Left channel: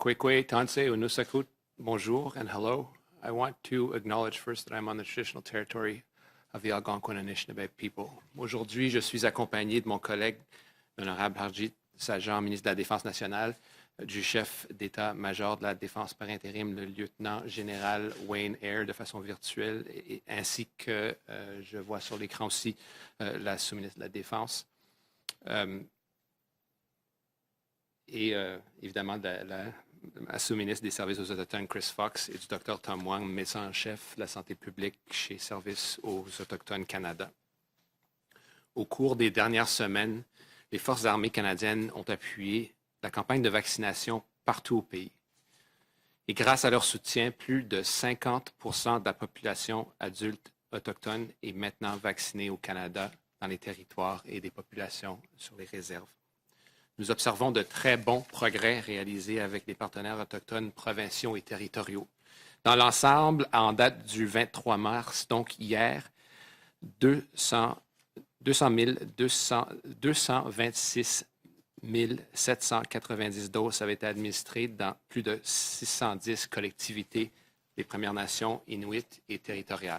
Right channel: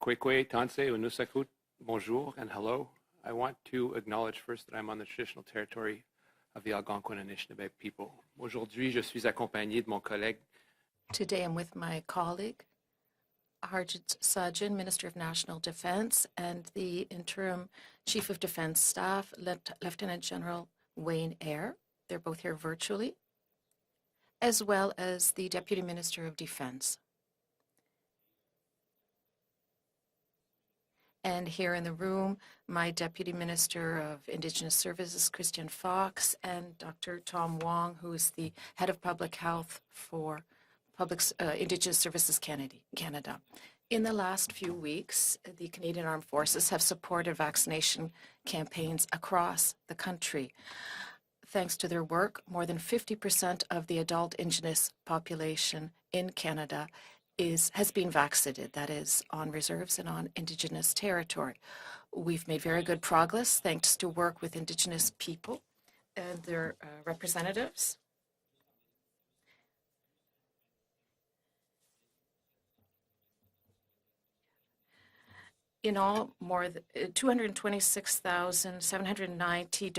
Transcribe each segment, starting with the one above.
Kwekwe, Tansei, Unusakut, bonjour and hello. I want to acknowledge first that I'm on the traditional territory of the Algonquin Anishinaabe people. Aujourd'hui, je suis accompagné de mon collègue, l'honorable Harjit Sajjan, ministre de la Défense nationale, du chef d'état-major de la Défense par intérim, le lieutenant-général Wayne Eyre, de façon virtuelle, ainsi que, je vois sur l'écran aussi, la sous-ministre de la Défense. As well as the Deputy Minister of Defense. Et évidemment, la sous-ministre des Services aux Autochtones, Chris Fox, et du Dr. Tom Wong, médecin en chef de la santé publique chez Services aux Autochtones Canada. Au cours des dernières semaines, les Forces armées canadiennes ont appuyé la campagne de vaccination partout au pays. Et grâce à leur soutien, plus de 50% de la population adulte autochtone est maintenant vaccinée au Canada dans les territoires et les populations sous réserve. Nous observons de très bons progrès réalisés avec les partenaires autochtones provinciaux et territoriaux. Dans l'ensemble, en date du 23 mars, donc hier, 226 790 doses avaient été administrées dans plus de 610 collectivités des Premières Nations, Inuits et territoriales.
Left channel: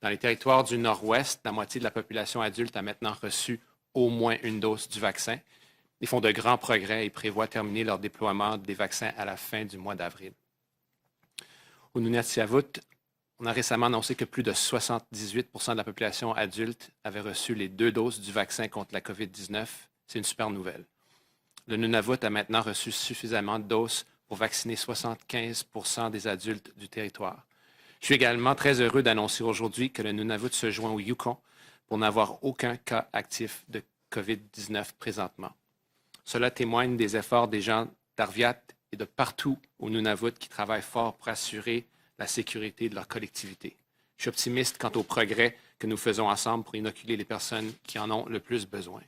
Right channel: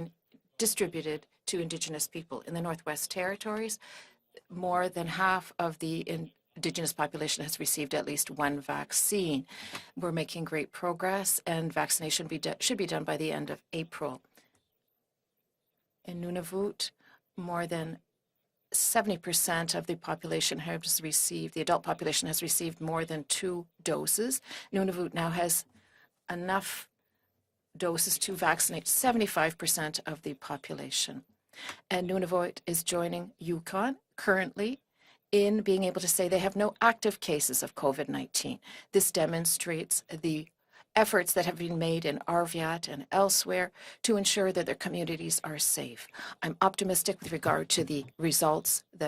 Dans les territoires du Nord-Ouest, la moitié de la population adulte a maintenant reçu au moins une dose du vaccin. Ils font de grands progrès et prévoient terminer leur déploiement des vaccins à la fin du mois d'avril. Au Nunavut, on a récemment annoncé que plus de 78% de la population adulte avait reçu les 2 doses du vaccin contre la COVID-19. C'est une super nouvelle. Le Nunavut a maintenant reçu suffisamment de doses pour vacciner 75% des adultes du territoire. Je suis également très heureux d'annoncer aujourd'hui que le Nunavut se joint au Yukon pour n'avoir aucun cas actif de COVID-19 présentement. Cela témoigne des efforts des gens d'Arviat et de partout au Nunavut qui travaillent fort pour assurer la sécurité de leur collectivité. Je suis optimiste quant au progrès que nous faisons ensemble pour inoculer les personnes qui en ont le plus besoin.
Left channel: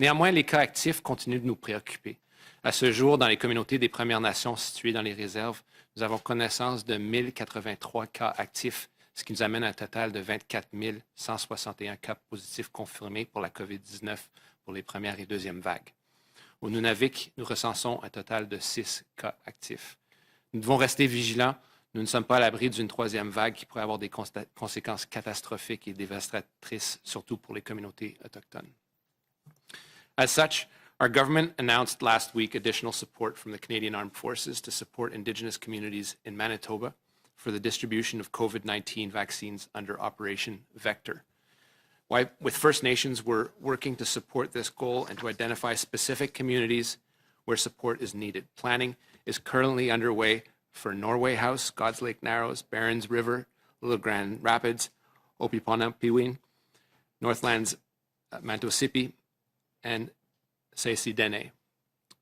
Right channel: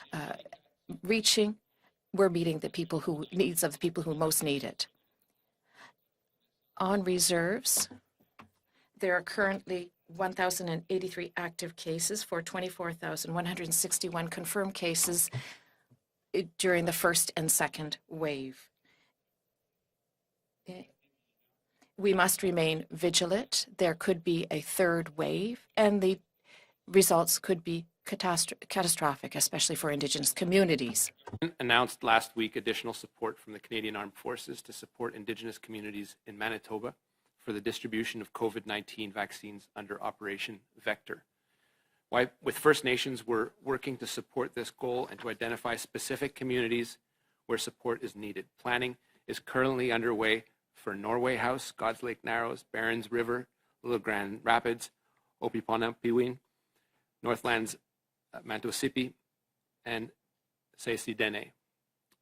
Néanmoins, les cas actifs continuent de nous préoccuper. À ce jour, dans les communautés des Premières Nations situées dans les réserves, nous avons connaissance de 1083 cas actifs, ce qui nous amène à un total de 24 161 cas positifs confirmés pour la COVID-19 pour les premières et deuxièmes vagues. Au Nunavut, nous recensons un total de 6 cas actifs. Nous devons rester vigilants. Nous ne sommes pas à l'abri d'une troisième vague qui pourrait avoir des conséquences catastrophiques et dévastatrices, surtout pour les communautés autochtones. As such, our government announced last week additional support from the Canadian Armed Forces to support Indigenous communities in Manitoba for the distribution of COVID-19 vaccines under Operation Vector. With First Nations, we're working to support this goal and to identify specific communities where support is needed. Planning is currently underway for Norway House, God's Lake Narrows, Barons River, Little Grand Rapids, Opiponapiwin, Northlands, Mantosipi, and Sesidene.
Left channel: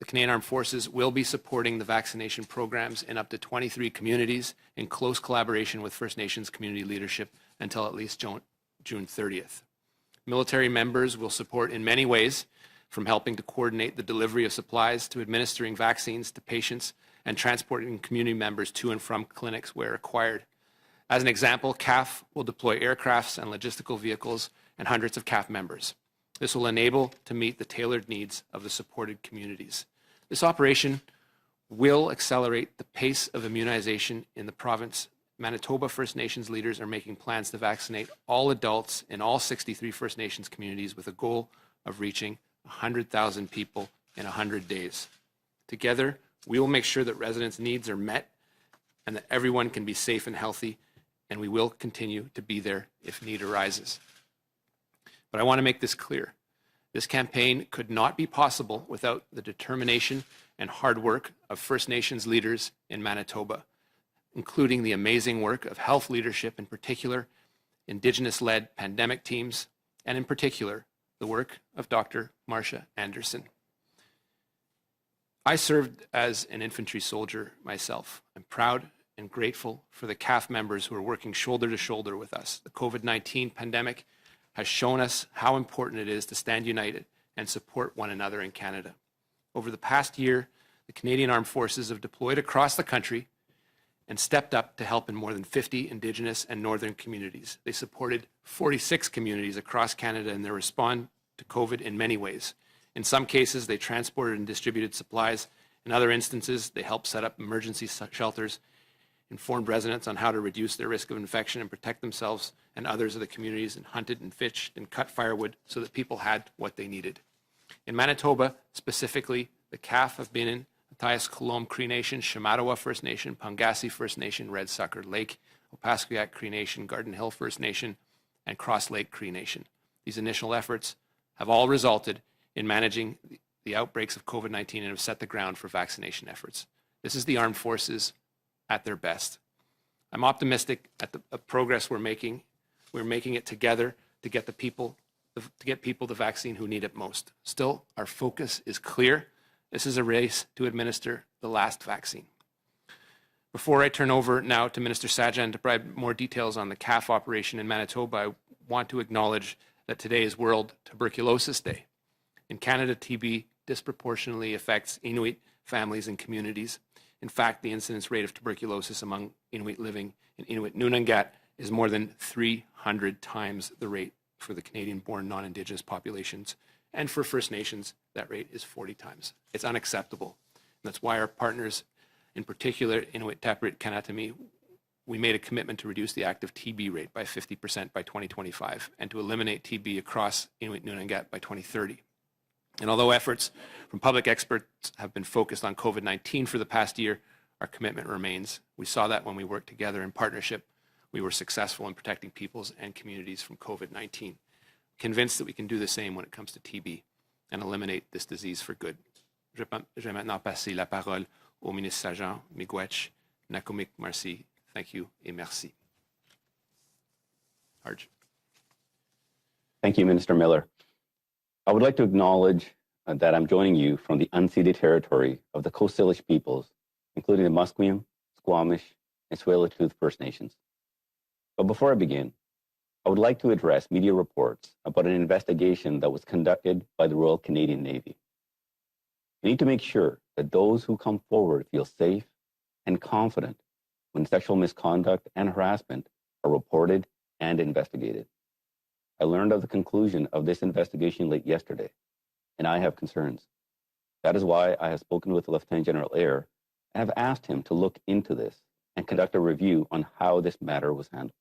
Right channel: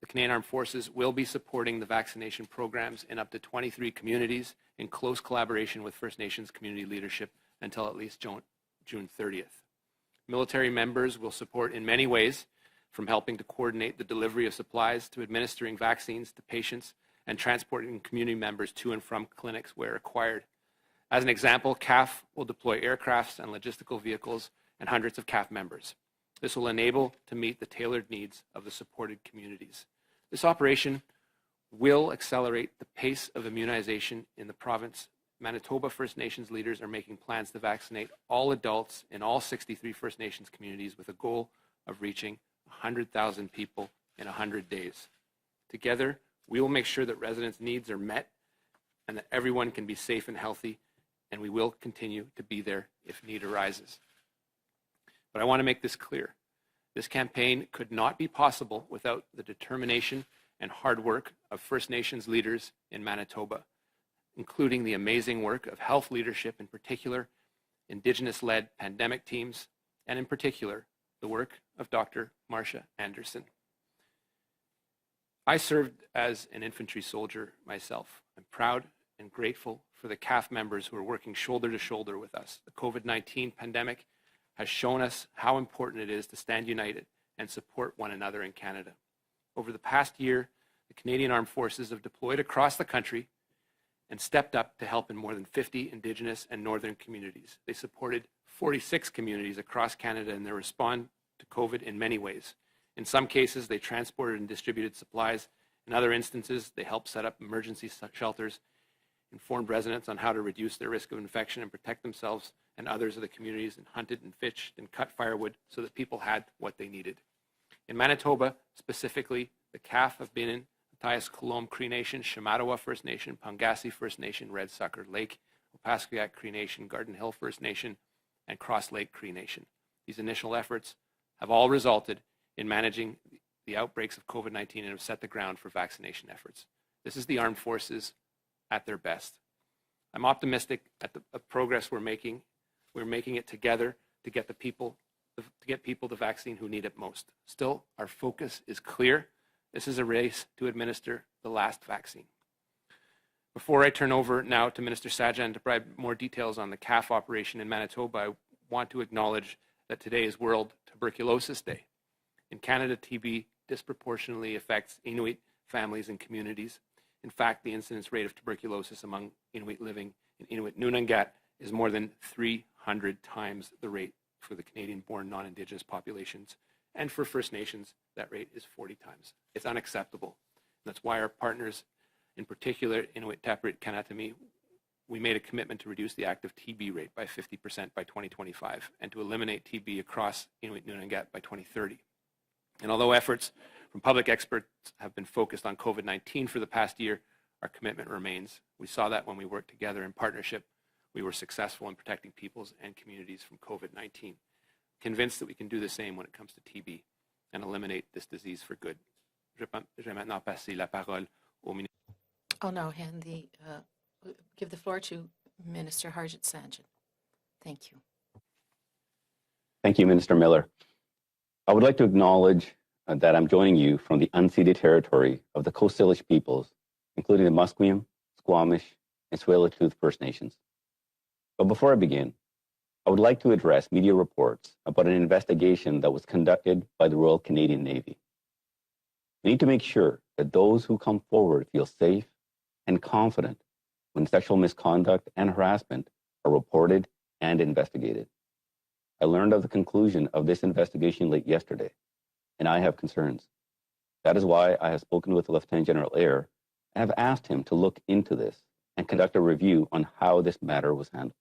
The Canadian Armed Forces will be supporting the vaccination programs in up to 23 communities in close collaboration with First Nations community leadership until at least June 30th. Military members will support in many ways, from helping to coordinate the delivery of supplies to administering vaccines to patients and transporting community members to and from clinics where required. As an example, CAF will deploy aircrafts and logistical vehicles and hundreds of CAF members. This will enable to meet the tailored needs of the supported communities. This operation will accelerate the pace of immunization in the province. Manitoba First Nations leaders are making plans to vaccinate all adults in all 63 First Nations communities with a goal of reaching 100,000 people in 100 days. Together, we will make sure that residents' needs are met and that everyone can be safe and healthy, and we will continue to be there if need arises. But I want to make this clear. This campaign could not be possible without the determination and hard work of First Nations leaders in Manitoba, including the amazing work of health leadership, in particular, Indigenous-led pandemic teams, and in particular, the work of Dr. Marcia Anderson. I served as an infantry soldier myself. I'm proud and grateful for the CAF members who are working shoulder to shoulder with us. The COVID-19 pandemic has shown us how important it is to stand united and support one another in Canada. Over the past year, the Canadian Armed Forces have deployed across the country and stepped up to help in more than 50 Indigenous and Northern communities. They supported 46 communities across Canada in their response to COVID in many ways. In some cases, they transported and distributed supplies In other instances, they helped set up emergency shelters, informed residents on how to reduce their risk of infection and protect themselves and others of the communities, and hunted and fished and cut firewood so that people had what they needed. In Manitoba, specifically, the Calf of Binnen, Matthias Coulomb Cree Nation, Shamattawa First Nation, Pangasi First Nation, Red Sucker Lake, Opaskwayak Cree Nation, Garden Hill First Nation, and Cross Lake Cree Nation. These initial efforts have all resulted in managing the outbreaks of COVID-19 and have set the ground for vaccination efforts. This is the armed forces at their best. I'm optimistic at the progress we're making. We're making it together to get people the vaccine who need it most. Still, our focus is clear. This is a race to administer the last vaccine. Before I turn over now to Minister Sajjan to provide more details on the CAF operation in Manitoba, I want to acknowledge that today is World Tuberculosis Day. In Canada, TB disproportionately affects Inuit families and communities. In fact, the incidence rate of tuberculosis among Inuit living in Inuit Nunangat is more than 300 times the rate for the Canadian-born non-Indigenous populations. And for First Nations, that rate is 40 times. It's unacceptable. And that's why our partners, in particular Inuit Taprit Kanatami, we made a commitment to reduce the active TB rate by 50% by 2025 and to eliminate TB across Inuit Nunangat by 2030. And although efforts from public experts have been focused on COVID-19 for the past year, our commitment remains. We saw that when we worked together in partnership, we were successful in protecting peoples and communities from COVID-19. Convinced that we can do the same when it comes to TB and eliminate this disease for good. Je vais maintenant passer la parole au ministre Sajjan Miigwech Nakomic Marcy. Give the Thank floor you to et merci. Minister Harjit Sajjan. Thank you. Harj. Thank you, Minister Miller. I would like to acknowledge that I'm joining you from the unceded territory of the Coast Salish peoples, including the Musqueam, Squamish, and Tsleil-Waututh First Nations. But before I begin, I would like to address media reports about an investigation that was conducted by the Royal Canadian Navy. We need to make sure that those who come forward feel safe and confident when sexual misconduct and harassment are reported and investigated. I learned of the conclusion of this investigation late yesterday, and I have concerns. That is why I have spoken with Lieutenant General Eyre and have asked him to look into this and conduct a review on how this matter was handled.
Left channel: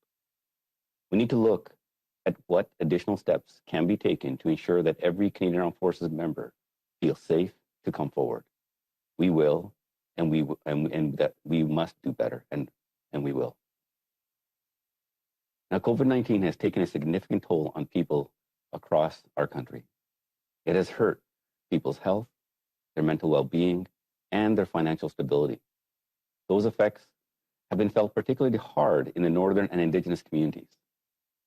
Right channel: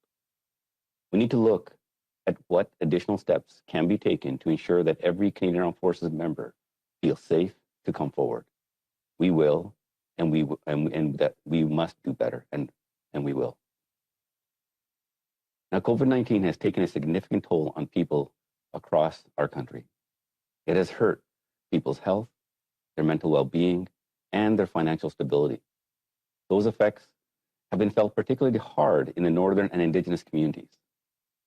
We need to look at what additional steps can be taken to ensure that every Canadian Armed Forces member feels safe to come forward. We will, and that we must do better, and we will. Now, COVID-19 has taken a significant toll on people across our country. It has hurt people's health, their mental well-being, and their financial stability. Those effects have been felt particularly hard in the Northern and Indigenous communities.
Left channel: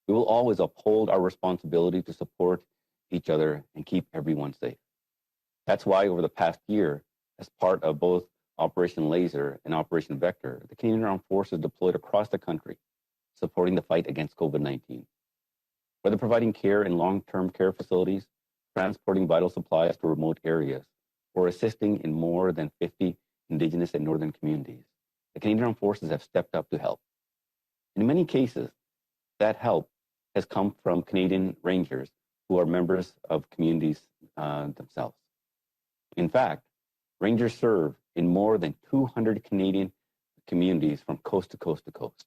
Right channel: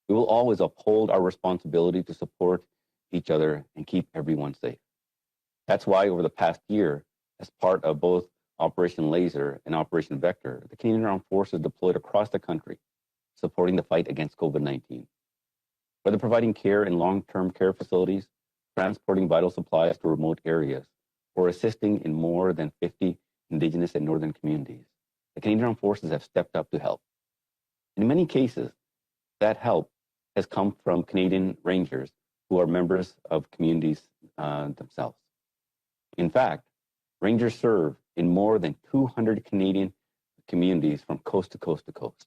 We will always uphold our responsibility to support each other and keep everyone safe. That's why over the past year, as part of both Operation Laser and Operation Vector, the Canadian Armed Forces deployed across the country, supporting the fight against COVID-19. Whether providing care in long-term care facilities, transporting vital supplies to remote areas, or assisting in more than 50 Indigenous and Northern communities, the Canadian Armed Forces have stepped up to help. In many cases, that help has come from Canadian Rangers who are members of communities themselves. In fact, Rangers serve in more than 200 Canadian communities from coast to coast to coast.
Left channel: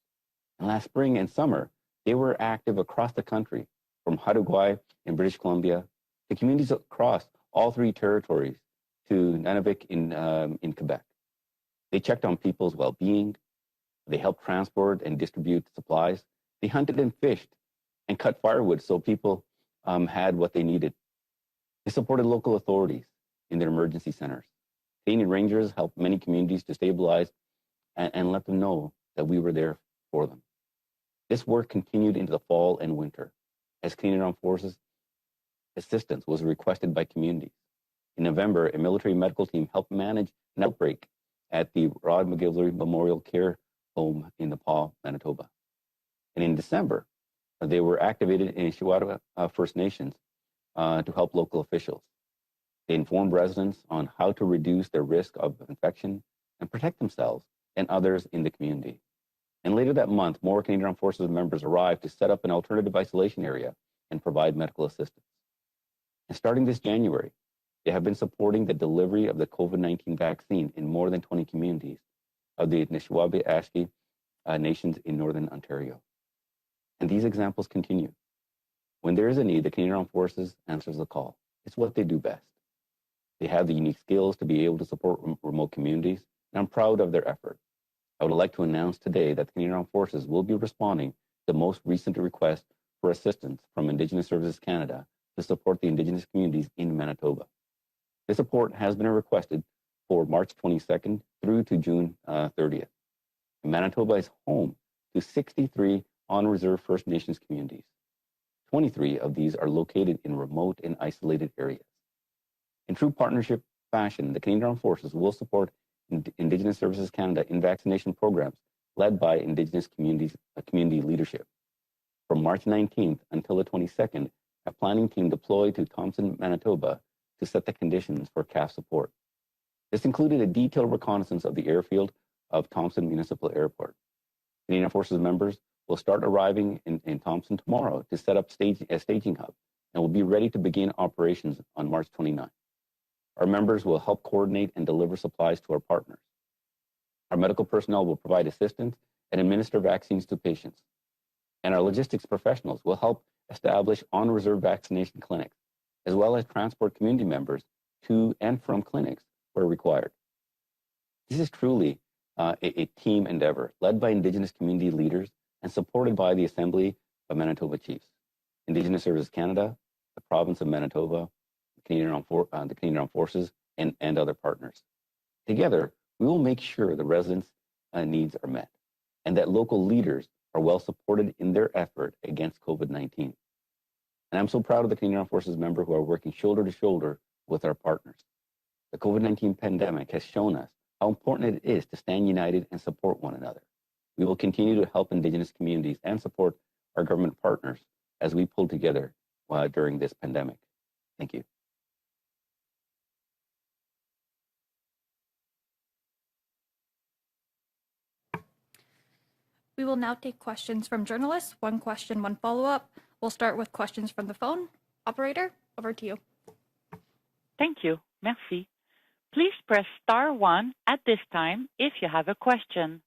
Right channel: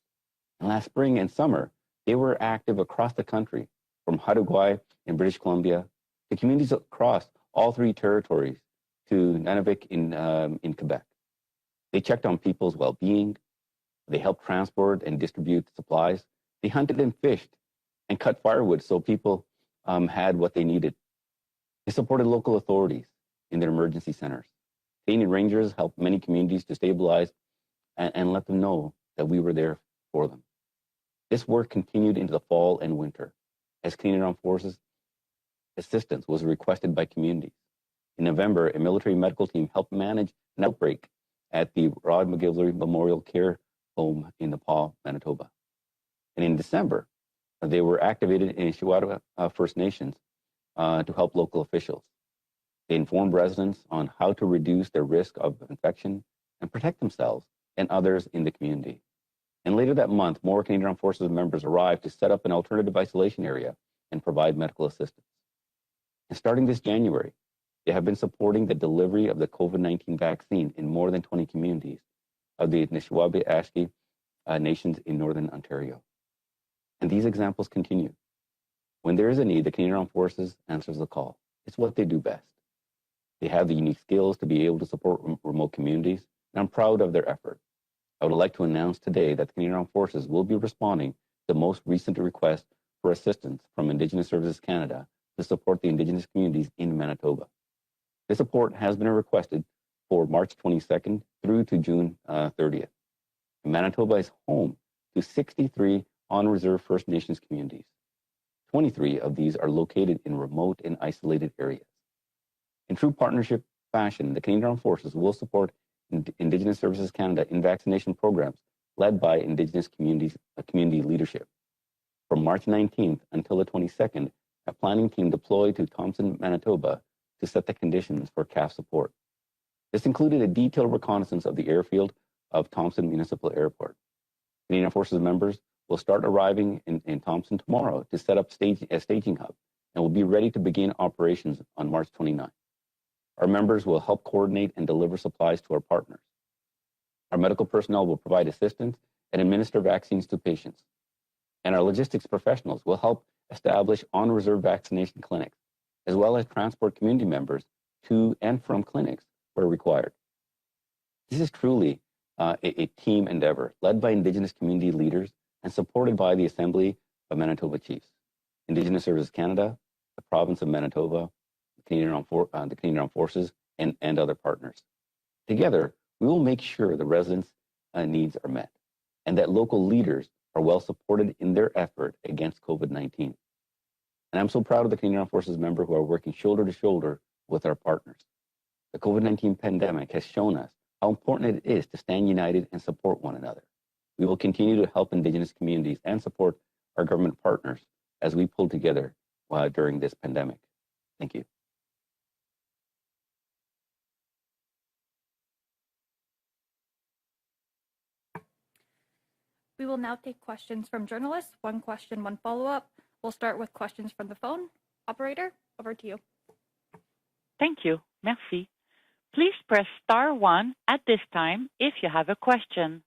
And last spring and summer, they were active across the country, from Haudenosaunee in British Columbia to communities across all three territories to Nunavik in Quebec. They checked on people's well-being. They helped transport and distribute supplies. They hunted and fished and cut firewood so people had what they needed. They supported local authorities in their emergency centers. Canadian Rangers helped many communities to stabilize and let them know that we were there for them. This work continued into the fall and winter as Canadian Armed Forces assistance was requested by communities. In November, a military medical team helped manage an outbreak at the Rod McGillivray Memorial Care Home in Nepal, Manitoba. And in December, they were activated in Shamattawa First Nations to help local officials. They informed residents on how to reduce their risk of infection and protect themselves and others in the community. And later that month, more Canadian Armed Forces members arrived to set up an alternative isolation area and provide medical assistance. And starting this January, They have been supporting the delivery of the COVID-19 vaccine in more than 20 communities of the Anishinaabe nations in Northern Ontario. And these examples continue. When there is a need, the Canadian Armed Forces answers the call. It's what they do best. They have the unique skills to be able to support remote communities, and I'm proud of their effort. I would like to announce today that the Canadian Armed Forces will be responding to the most recent request for assistance from Indigenous Services Canada to support the Indigenous communities in Manitoba. This support has been requested for March 22nd through to June 30th. Manitoba is home to 63 on-reserve First Nations communities. 23 of these are located in remote and isolated areas. In true partnership fashion, the Canadian Armed Forces will support Indigenous Services Canada in vaccination programs led by Indigenous community leadership. From March 19th until the 22nd, a planning team deployed to Thompson, Manitoba to set the conditions for CAF support. This included a detailed reconnaissance of the airfield of Thompson Municipal Airport. Canadian Forces members will start arriving in Thompson tomorrow to set up a staging hub and will be ready to begin operations on March 29th. Our members will help coordinate and deliver supplies to our partners. Our medical personnel will provide assistance and administer vaccines to patients. And our logistics professionals will help establish on-reserve vaccination clinics, as well as transport community members to and from clinics where required. This is truly a team endeavor led by Indigenous community leaders and supported by the Assembly of Manitoba Chiefs, Indigenous Services Canada, the Province of Manitoba, the Canadian Armed Forces, and other partners. Together, we will make sure the residents' needs are met and that local leaders are well supported in their effort against COVID-19. And I'm so proud of the Canadian Armed Forces members who are working shoulder to shoulder with our partners. The COVID-19 pandemic has shown us how important it is to stand united and support one another. We will continue to help Indigenous communities and support our government partners as we pull together during this pandemic. Thank you. We will now take questions from journalists. One question, one follow-up. We'll start with questions from the phone. Operator, over to you. Thank you. Merci. Please press star 1 at this time if you have a question.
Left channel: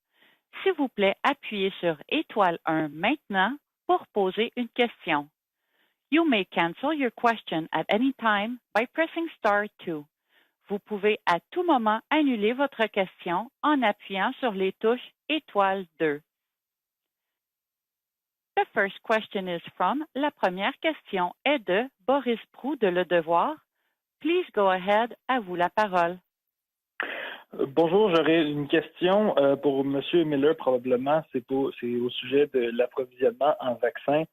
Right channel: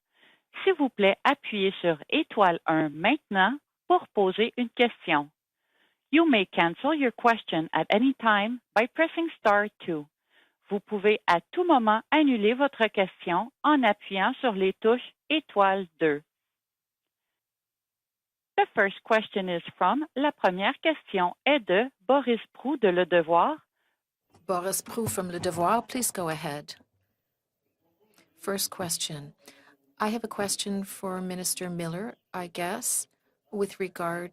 S'il vous plaît, appuyez sur étoile 1 maintenant pour poser une question. You may cancel your question at any time by pressing star 2. Vous pouvez à tout moment annuler votre question en appuyant sur les touches étoile 2. The first question is from, la première question est de Boris Proux de Le Devoir. Please go ahead. À vous la parole. Bonjour, j'aurais une question pour M. Miller probablement. C'est au sujet de l'approvisionnement en vaccins.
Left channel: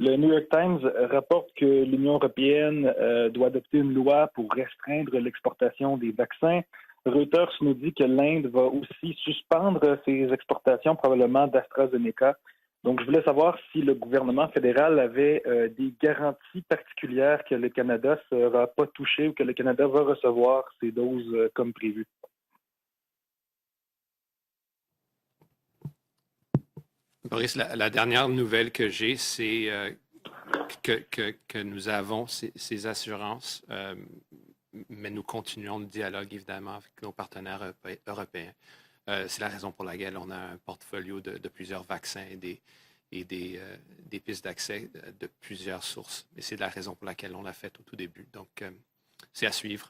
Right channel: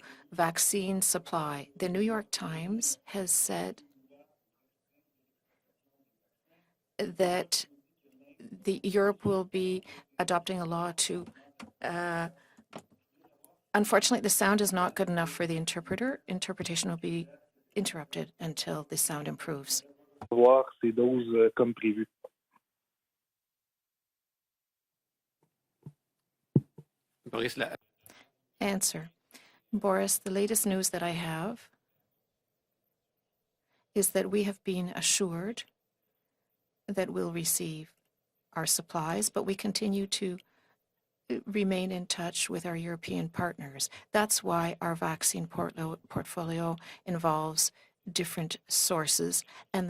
Le New York Times rapporte que l'Union européenne doit adopter une loi pour restreindre l'exportation des vaccins. Reuters nous dit que l'Inde va aussi suspendre ses exportations probablement d'AstraZeneca. Donc, je voulais savoir si le gouvernement fédéral avait des garanties particulières que le Canada ne sera pas touché, que le Canada va recevoir ces doses comme prévu. Boris, la dernière nouvelle que j'ai, c'est que nous avons ces assurances. Nous continuons le dialogue, évidemment, avec nos partenaires européens. C'est la raison pour laquelle on a un portfolio de plusieurs vaccins et des pistes d'accès de plusieurs sources. C'est la raison pour laquelle on l'a fait au tout début. C'est à suivre,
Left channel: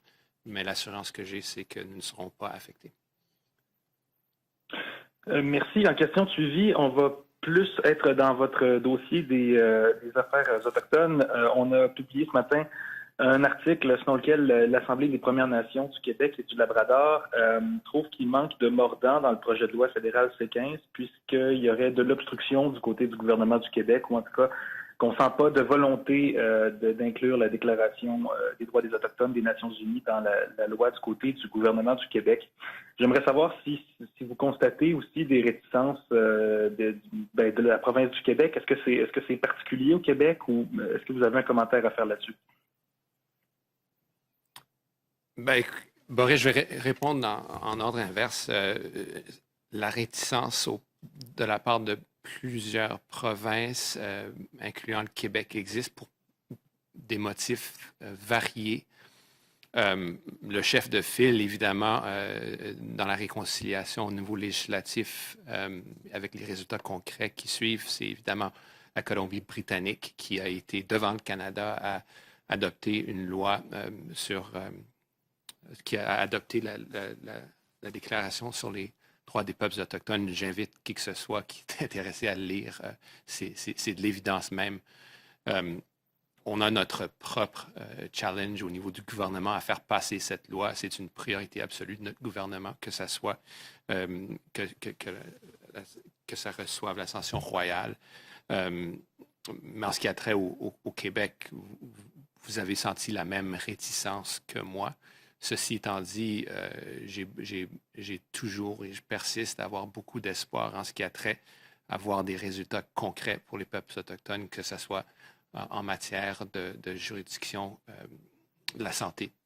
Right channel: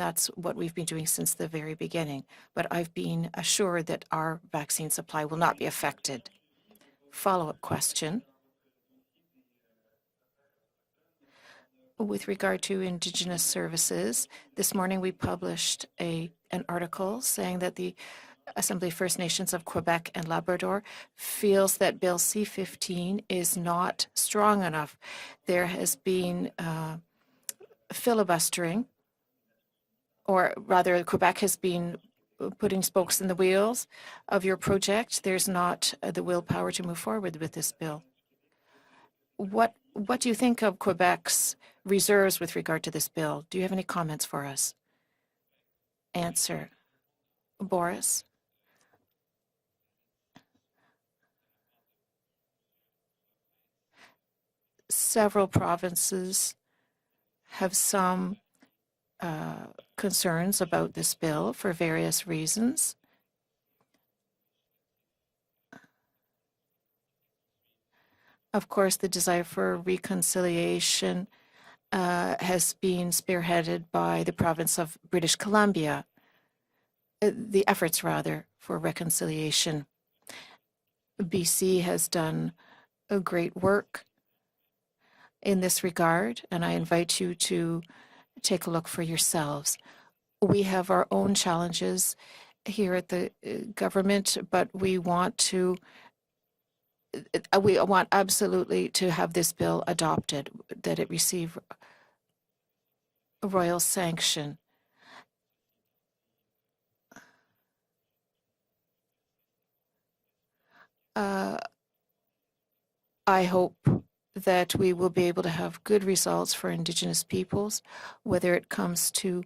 mais l'assurance que j'ai, c'est que nous ne serons pas affectés. Merci. En question suivie, on va plus être dans votre dossier des affaires autochtones. On a publié ce matin un article selon lequel l'Assemblée des Premières Nations du Québec et du Labrador trouve qu'il manque de mordant dans le projet de loi fédéral C15 puisqu'il y aurait de l'obstruction du côté du gouvernement du Québec ou en tout cas qu'on ne sent pas de volonté d'inclure la déclaration des droits des Autochtones des Nations Unies dans la loi du côté du gouvernement du Québec. J'aimerais savoir si vous constatez aussi des réticences de la province du Québec. Est-ce que c'est particulier au Québec ou est-ce que vous avez un commentaire à faire là-dessus? Boris, je vais répondre en ordre inverse. La réticence de la part de plusieurs provinces, incluant le Québec, existe pour des motifs variés. concerns le chef about de this file, bill for évidemment, various reasons. dans la réconciliation au niveau législatif, avec les résultats concrets qui suivent, c'est évidemment Of course, la the desire for Colombie-Britannique qui a été devant le reconciliation Canada à has adopter been une loi spearheaded by the sur province of British qui Columbia. a adopté The efforts, rather, déclaration sur for les droits des peuples reconciliation. autochtones. J'invite qui que ce soit qui BC est has intéressé à le done lire. a great C'est work de l'évidence même. in this regard, On and a I notre invite you propre to challenge take a au look niveau for du gouvernement à yourselves. faire passer cette We loi. have C'est our une own priorité absolue de challenges notre gouvernement here que at ça the soit government, but we want to que ça reçoive l'ascension we royale. want absolutely to have this bill En ce qui a trait adopted, au that it Québec, receive vous avez senti la même royal réticence sanction. que moi. Ceci étant dit, j'ai toujours et je persiste à avoir beaucoup d'espoir en ce qui a trait à voir des résultats concrets I pour les hope peuples autochtones, que that ce we soit will be able to have en good matière results for de Indigenous juridiction, peoples, whether it la comes santé, to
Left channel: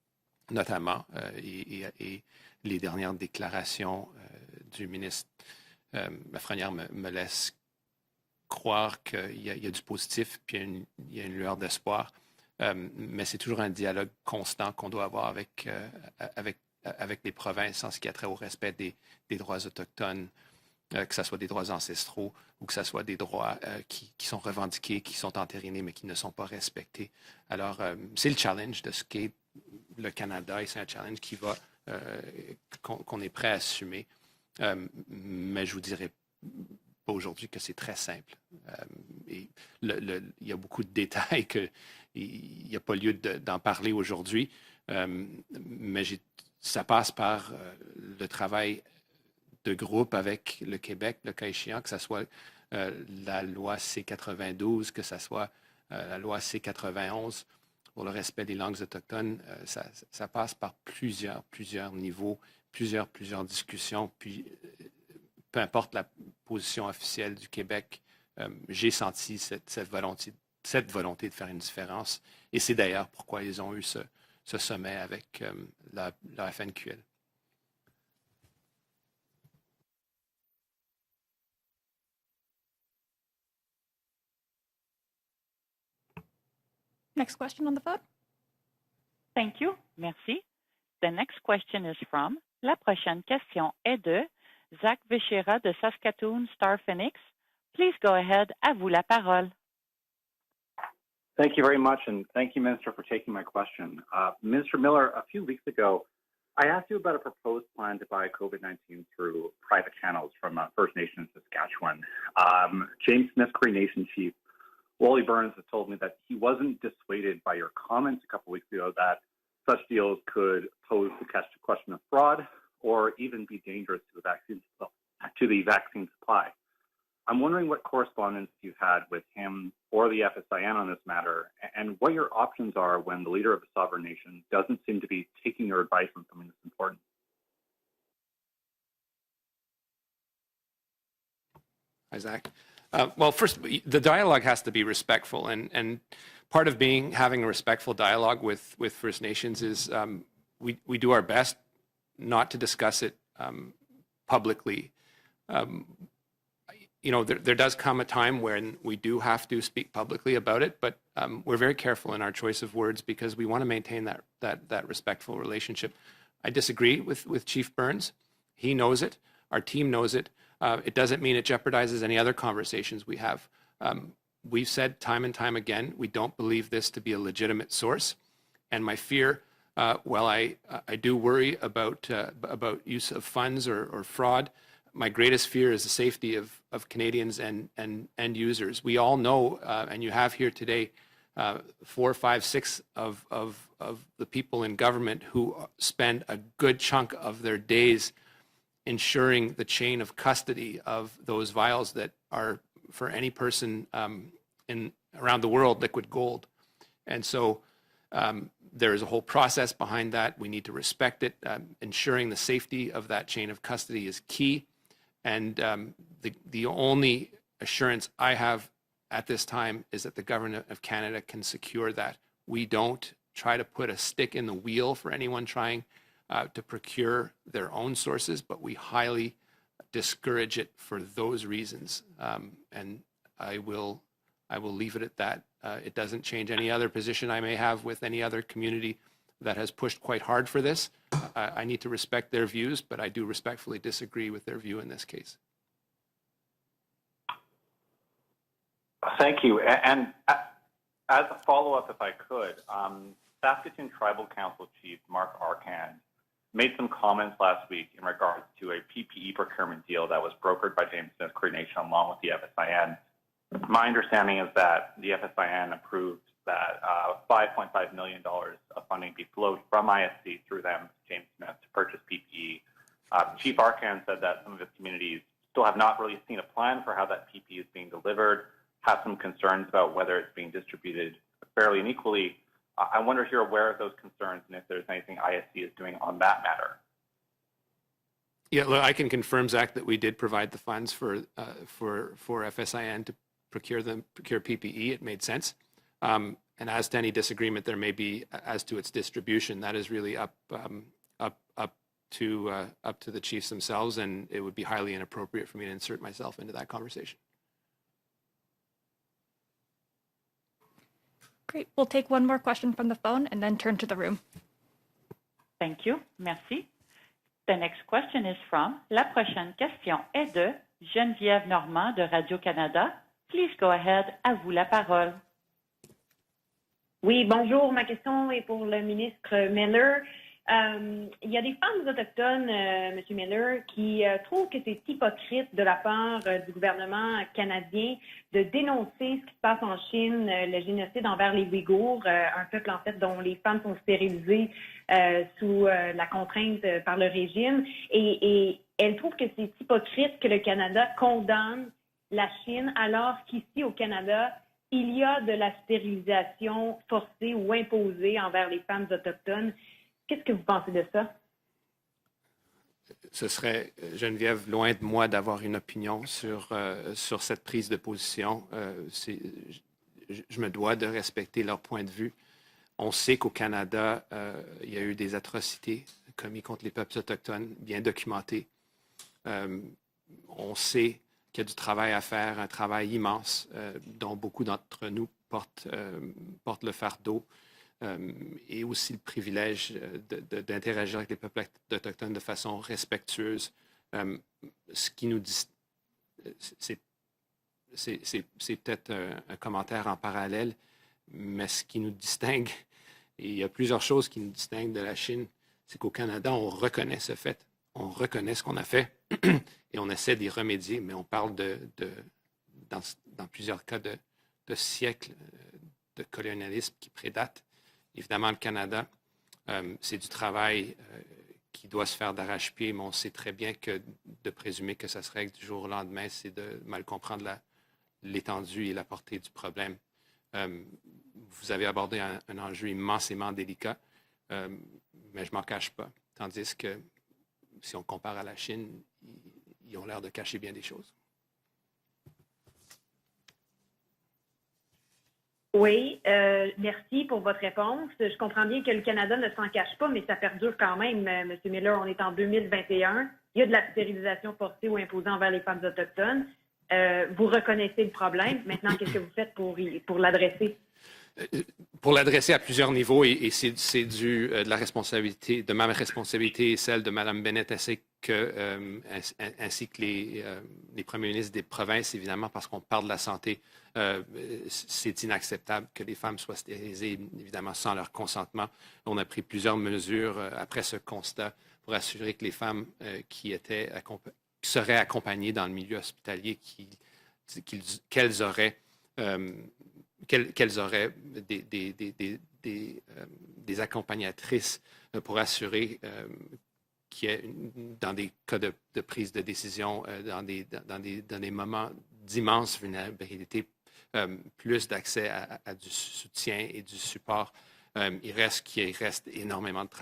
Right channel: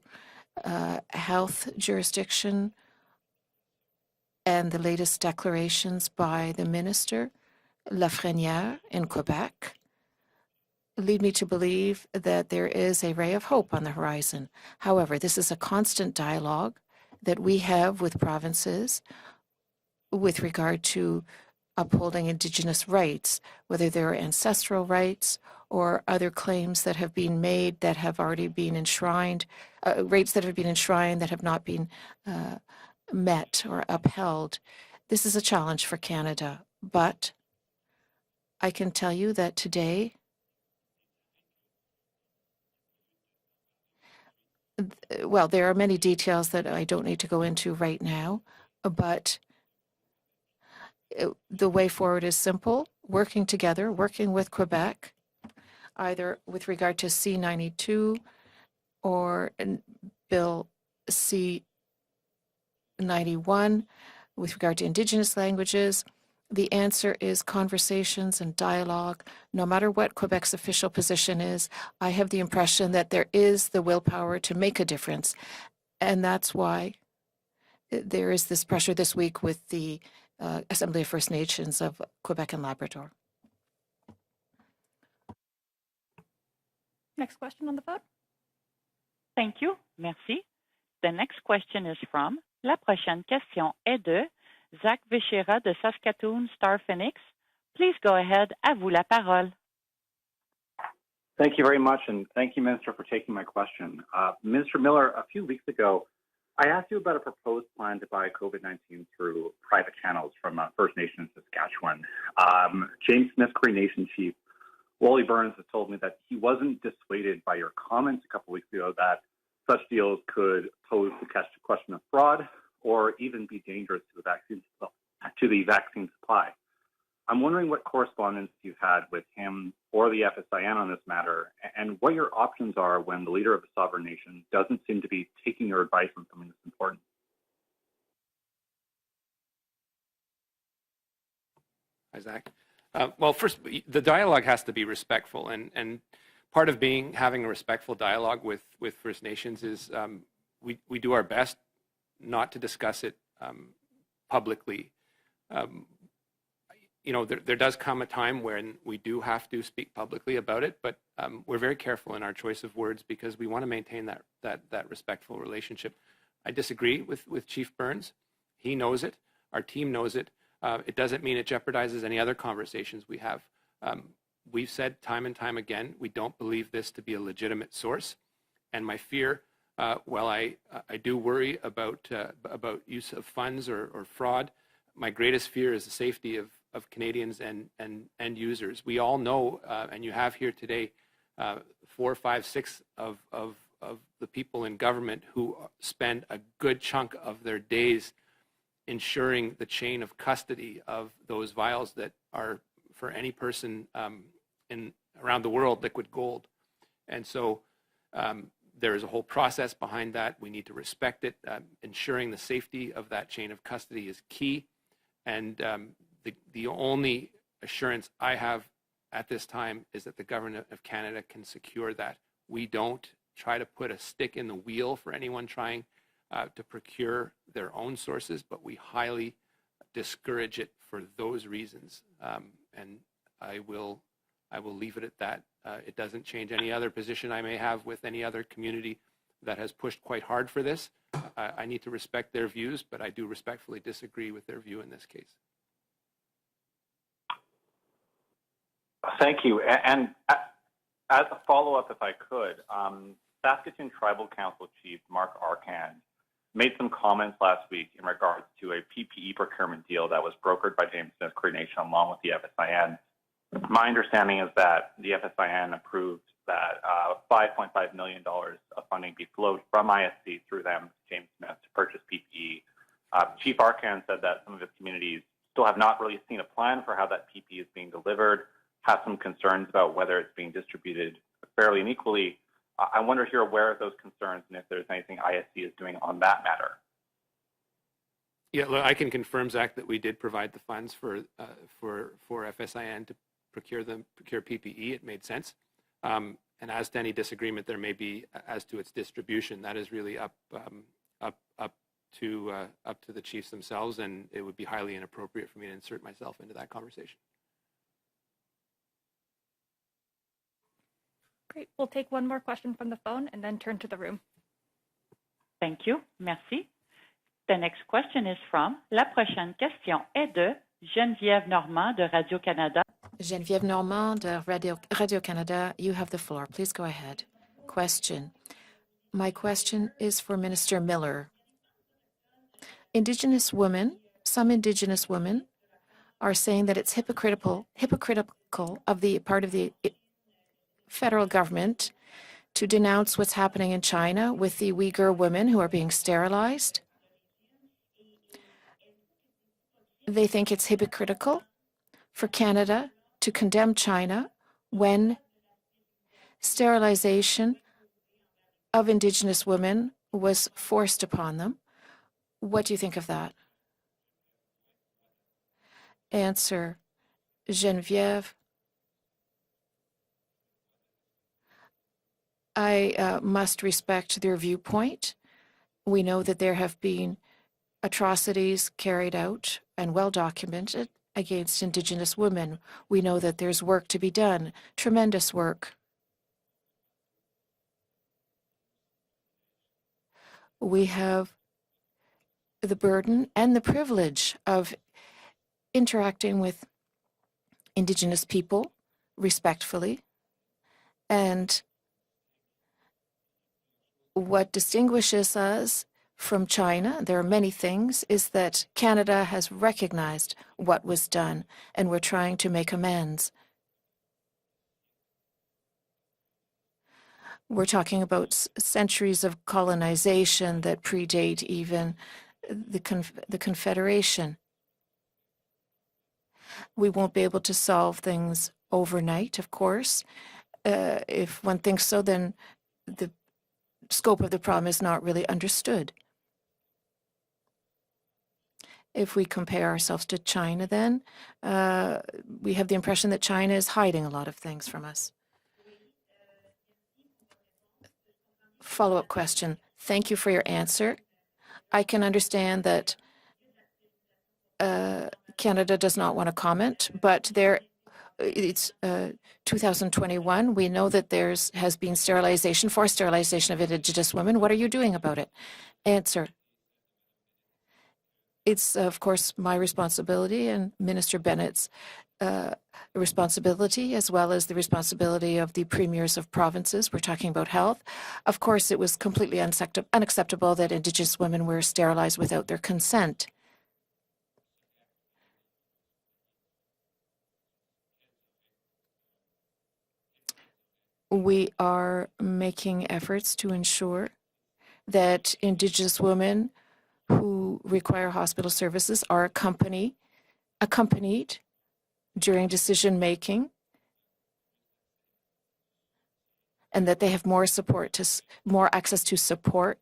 notamment health jurisdiction les dernières déclarations and the du latest ministre declarations by the Lafrenière me minister laisse Lafrenière croire in qu'il y a Quebec du positif, puis il y a lead une me to lueur believe d'espoir. that there is a Mais ray c'est of toujours hope un on the dialogue horizon. constant qu'on doit However, avoir this is a constant dialogue avec les that we provinces en have ce qui a with trait au respect provinces des droits autochtones, with regard que to ce soit des droits ancestraux, upholding que ce Indigenous soit des rights, droits whether there are qui sont ancestral revendiqués, qui rights sont entérinés, mais or qui ne other sont pas claims that have respectés. been made Alors, that have c'est le already been challenge de ce qui enshrined, le rates that have Canada been et c'est un enshrined challenge that qui have va, not been qu'on est prêt à met or assumer. upheld. This is a Mais je challenge vous for dirais Canada, pas but aujourd'hui que c'est très simple. I can tell you that today, Il y a beaucoup de détails qu'il n'y a pas lieu d'en parler aujourd'hui. well, there are many Mais details that ça I don't passe need to par go into right le now, travail but de groupe avec le Québec, le cas the échéant, way que ça soit forward is simple, la working loi together, working with C-92, Quebec, que ça soit la either loi with regard to C-91 pour le C-92 respect des langues or autochtones. Ça passe Bill par plusieurs niveaux, plusieurs 91 discussions. Puis, with regard to Indigenous peu importe languages. la The position answer officielle is du Québec, conversations and j'ai dialogue. senti No matter what volonté Quebec's official cette volonté de position faire une is, différence. I have the Et c'est impression d'ailleurs that there pourquoi ils is ont the eu willpower to ce make a sommet difference. avec, And la that's why FNQL. there is this pressure this week with the Assembly of First Nations of Quebec and Labrador. Next question on the phone. Thank you. Merci. The next question is from, la prochaine question est de Zach Vichera de Saskatoon Star Phoenix. Please go ahead. À vous la parole. Thank you very much, and thank you, Minister, for taking my question. Minister Miller, a few weeks ago, I asked you about a proposed plan to buy COVID-19 through private channels from First Nation in Saskatchewan. James Smith, Cree Nation Chief Wally Burns has told me that he wasn't dissuaded by your comments a couple weeks ago that such deals could pose the question of fraud or even be dangerous to the vaccine supply. I'm wondering what correspondence you've had with him or the FSIN on this matter, and what your options are when the leader of a sovereign nation doesn't seem to be taking your advice on something that's important. Isaac. Well, first, the dialogue has to be respectful, and part of having a respectful dialogue with First Nations is we do our best not to discuss it publicly. There does come a time when we do have to speak publicly about it, but we're very careful in our choice of words because we want to maintain that respectful relationship. I disagree with Chief Burns. He knows it. Our team knows it. It doesn't mean it jeopardizes any other conversations we have. We've said time and time again, we don't believe this to be a legitimate source. And my fear, while I do worry about use of funds or fraud, my greatest fear is the safety of Canadians and end users. We all know, and you have here today, 4, 5, 6 of the people in government who spend a good chunk of their days ensuring the chain of custody of those vials that are, for any person around the world, liquid gold. And so there is a whole process behind that. We need to respect it. Ensuring the safety of that chain of custody is key. And the only assurance I have at this time is that the government of Canada can secure that. We don't try to put a stick in the wheel for anyone trying to procure their own sources, but we highly discourage it for those reasons. And I will leave it at that. It doesn't change any other position I may have with any other community that has pushed quite hard for this. I need to respect their views, but I do respectfully disagree with their view in this case. Thank you. And as a follow-up, if I could, Saskatoon Tribal Council Chief Mark Arcand made some comments last week in regards to a PPE procurement deal that was brokered by James Smith Cree Nation along with the FSIN. My understanding is that the FSIN approved that $5.5 million of funding be flowed from ISC through them to James Smith to purchase PPE. Chief Arcand said that some of his communities still have not really seen a plan for how that PPE is being delivered, have some concerns about whether it's being distributed fairly and equally. I wonder if you're aware of those concerns and if there's anything ISC is doing on that matter. Yeah, well, I can confirm, Zach, that we did provide the funds for FSIN to procure PPE. It made sense. And as to any disagreement there may be as to its distribution, that is really up to the chiefs themselves, and it would be highly inappropriate for me to insert myself into that conversation. Great. We'll take one more question from the phone and then turn to the room. Thank you. Merci. The next question is from, la prochaine question est de Geneviève Normand de Radio-Canada. Geneviève Normand de Radio-Canada, you have the floor. Please go ahead. Oui, bonjour. Ma question est pour le ministre My question Miller. is for Minister Miller. Il y a des femmes autochtones, Indigenous Miller, women, qui, some trouvent que Indigenous c'est women hypocrite de la part are du saying that it's gouvernement hypocritical canadien of the dénoncer part ce of qui se passe en the Chine, le génocide federal envers les government Ouïghours, un peuple to en fait denounce dont what's les femmes happening sont in China stérilisées, with the Uyghur women who sous, are being la sterilized. contrainte par le régime. Et elle trouve que c'est hypocrite They que le think it's Canada hypocritical condamne la for Canada Chine alors to qu'ici condemn au Canada, China il when y a de la stérilisation sterilization forcée ou imposée envers les femmes of Indigenous autochtones. women Qu'est-ce que was vous pensez de forced ça? upon them. What do you think of Ce that? serait, Geneviève, loin de moi d'avoir une opinion sur cette prise Geneviève, de position. Je me dois de respecter leur point de vue. I On sait qu'au must Canada, respect their il y a eu viewpoint. des atrocités We know that commises there contre les have peuples been autochtones, bien documentées. atrocities carried out and well On documented sait qu'il y a du against travail à Indigenous faire, un women. travail We know immense that there's work to be dont beaucoup done, d'entre nous tremendous work. portent le fardeau et aussi le privilège d'interagir avec les peuples autochtones de façon The burden respectueuse. and the privilege of Ce qui nous dit, interacting with Indigenous people c'est peut-être un respectfully. commentaire en parallèle, And mais ce qui nous distingue, et il y a plusieurs choses qui nous what distinguent de la Chine, distinguishes us c'est qu'au Canada, from on China, reconnaît ce there are fait, many on things, is reconnaît ce qu'on a that fait, Canada has et on essaie d'y recognized remédier, what mais was on parle done, and we're trying to make dans amends. plusieurs cas de siècles de colonialisme qui prédatent. We're talking Évidemment, about le Canada, centuries of c'est ce colonization travail that predate even doit se faire d'arrache-pied, the, mais on sait très the bien que Confederation. de présumer que ça se règle du jour au lendemain, c'est de mal We won't be comprendre able to solve things l'étendue et la portée du overnight, of problème. course. If Vous one avez thinks so, abordé then un enjeu immensément délicat. scope of the problem is not really Je m'en cache pas. understood. Tandis que si on compare à la Chine, If we compare ourselves to China, then we have the impression that China is hiding a lot of things from us. Oui, merci pour votre réponse. Je comprends bien que le Follow-up Canada ne s'en question. cache pas, Thank mais you ça for your perdure quand answer. même, M. Miller, I on est can en understand that 2021. Il y a de la stérilisation forcée ou imposée envers les femmes Canada does not want to comment, but vous there, reconnaissez le problème. it's Maintenant, qu'est-ce que vous faites pour 2021. We know that there has pour been l'adresser à sterilization, plusieurs forced niveaux, et sterilization of c'est Indigenous dû women. de What la are you doing about it? responsabilité, de ma responsabilité et celle de Mme Bennett, ainsi que It's, of course, my responsibility and les Minister premiers ministres des Bennett's provinces, évidemment, parce qu'on parle de la santé. responsibility, as well as the responsibility of the premiers of provinces. We're talking about health. Of course, it was completely unacceptable that Indigenous women were sterilized without their consent. Qui seraient accompagnées dans le milieu hospitalier, qu'elles auraient We are making efforts to ensure that Indigenous women who require hospital services are accompanied during decision-making, plus d'accès à du soutien et du and that they have support. more support, more access to support.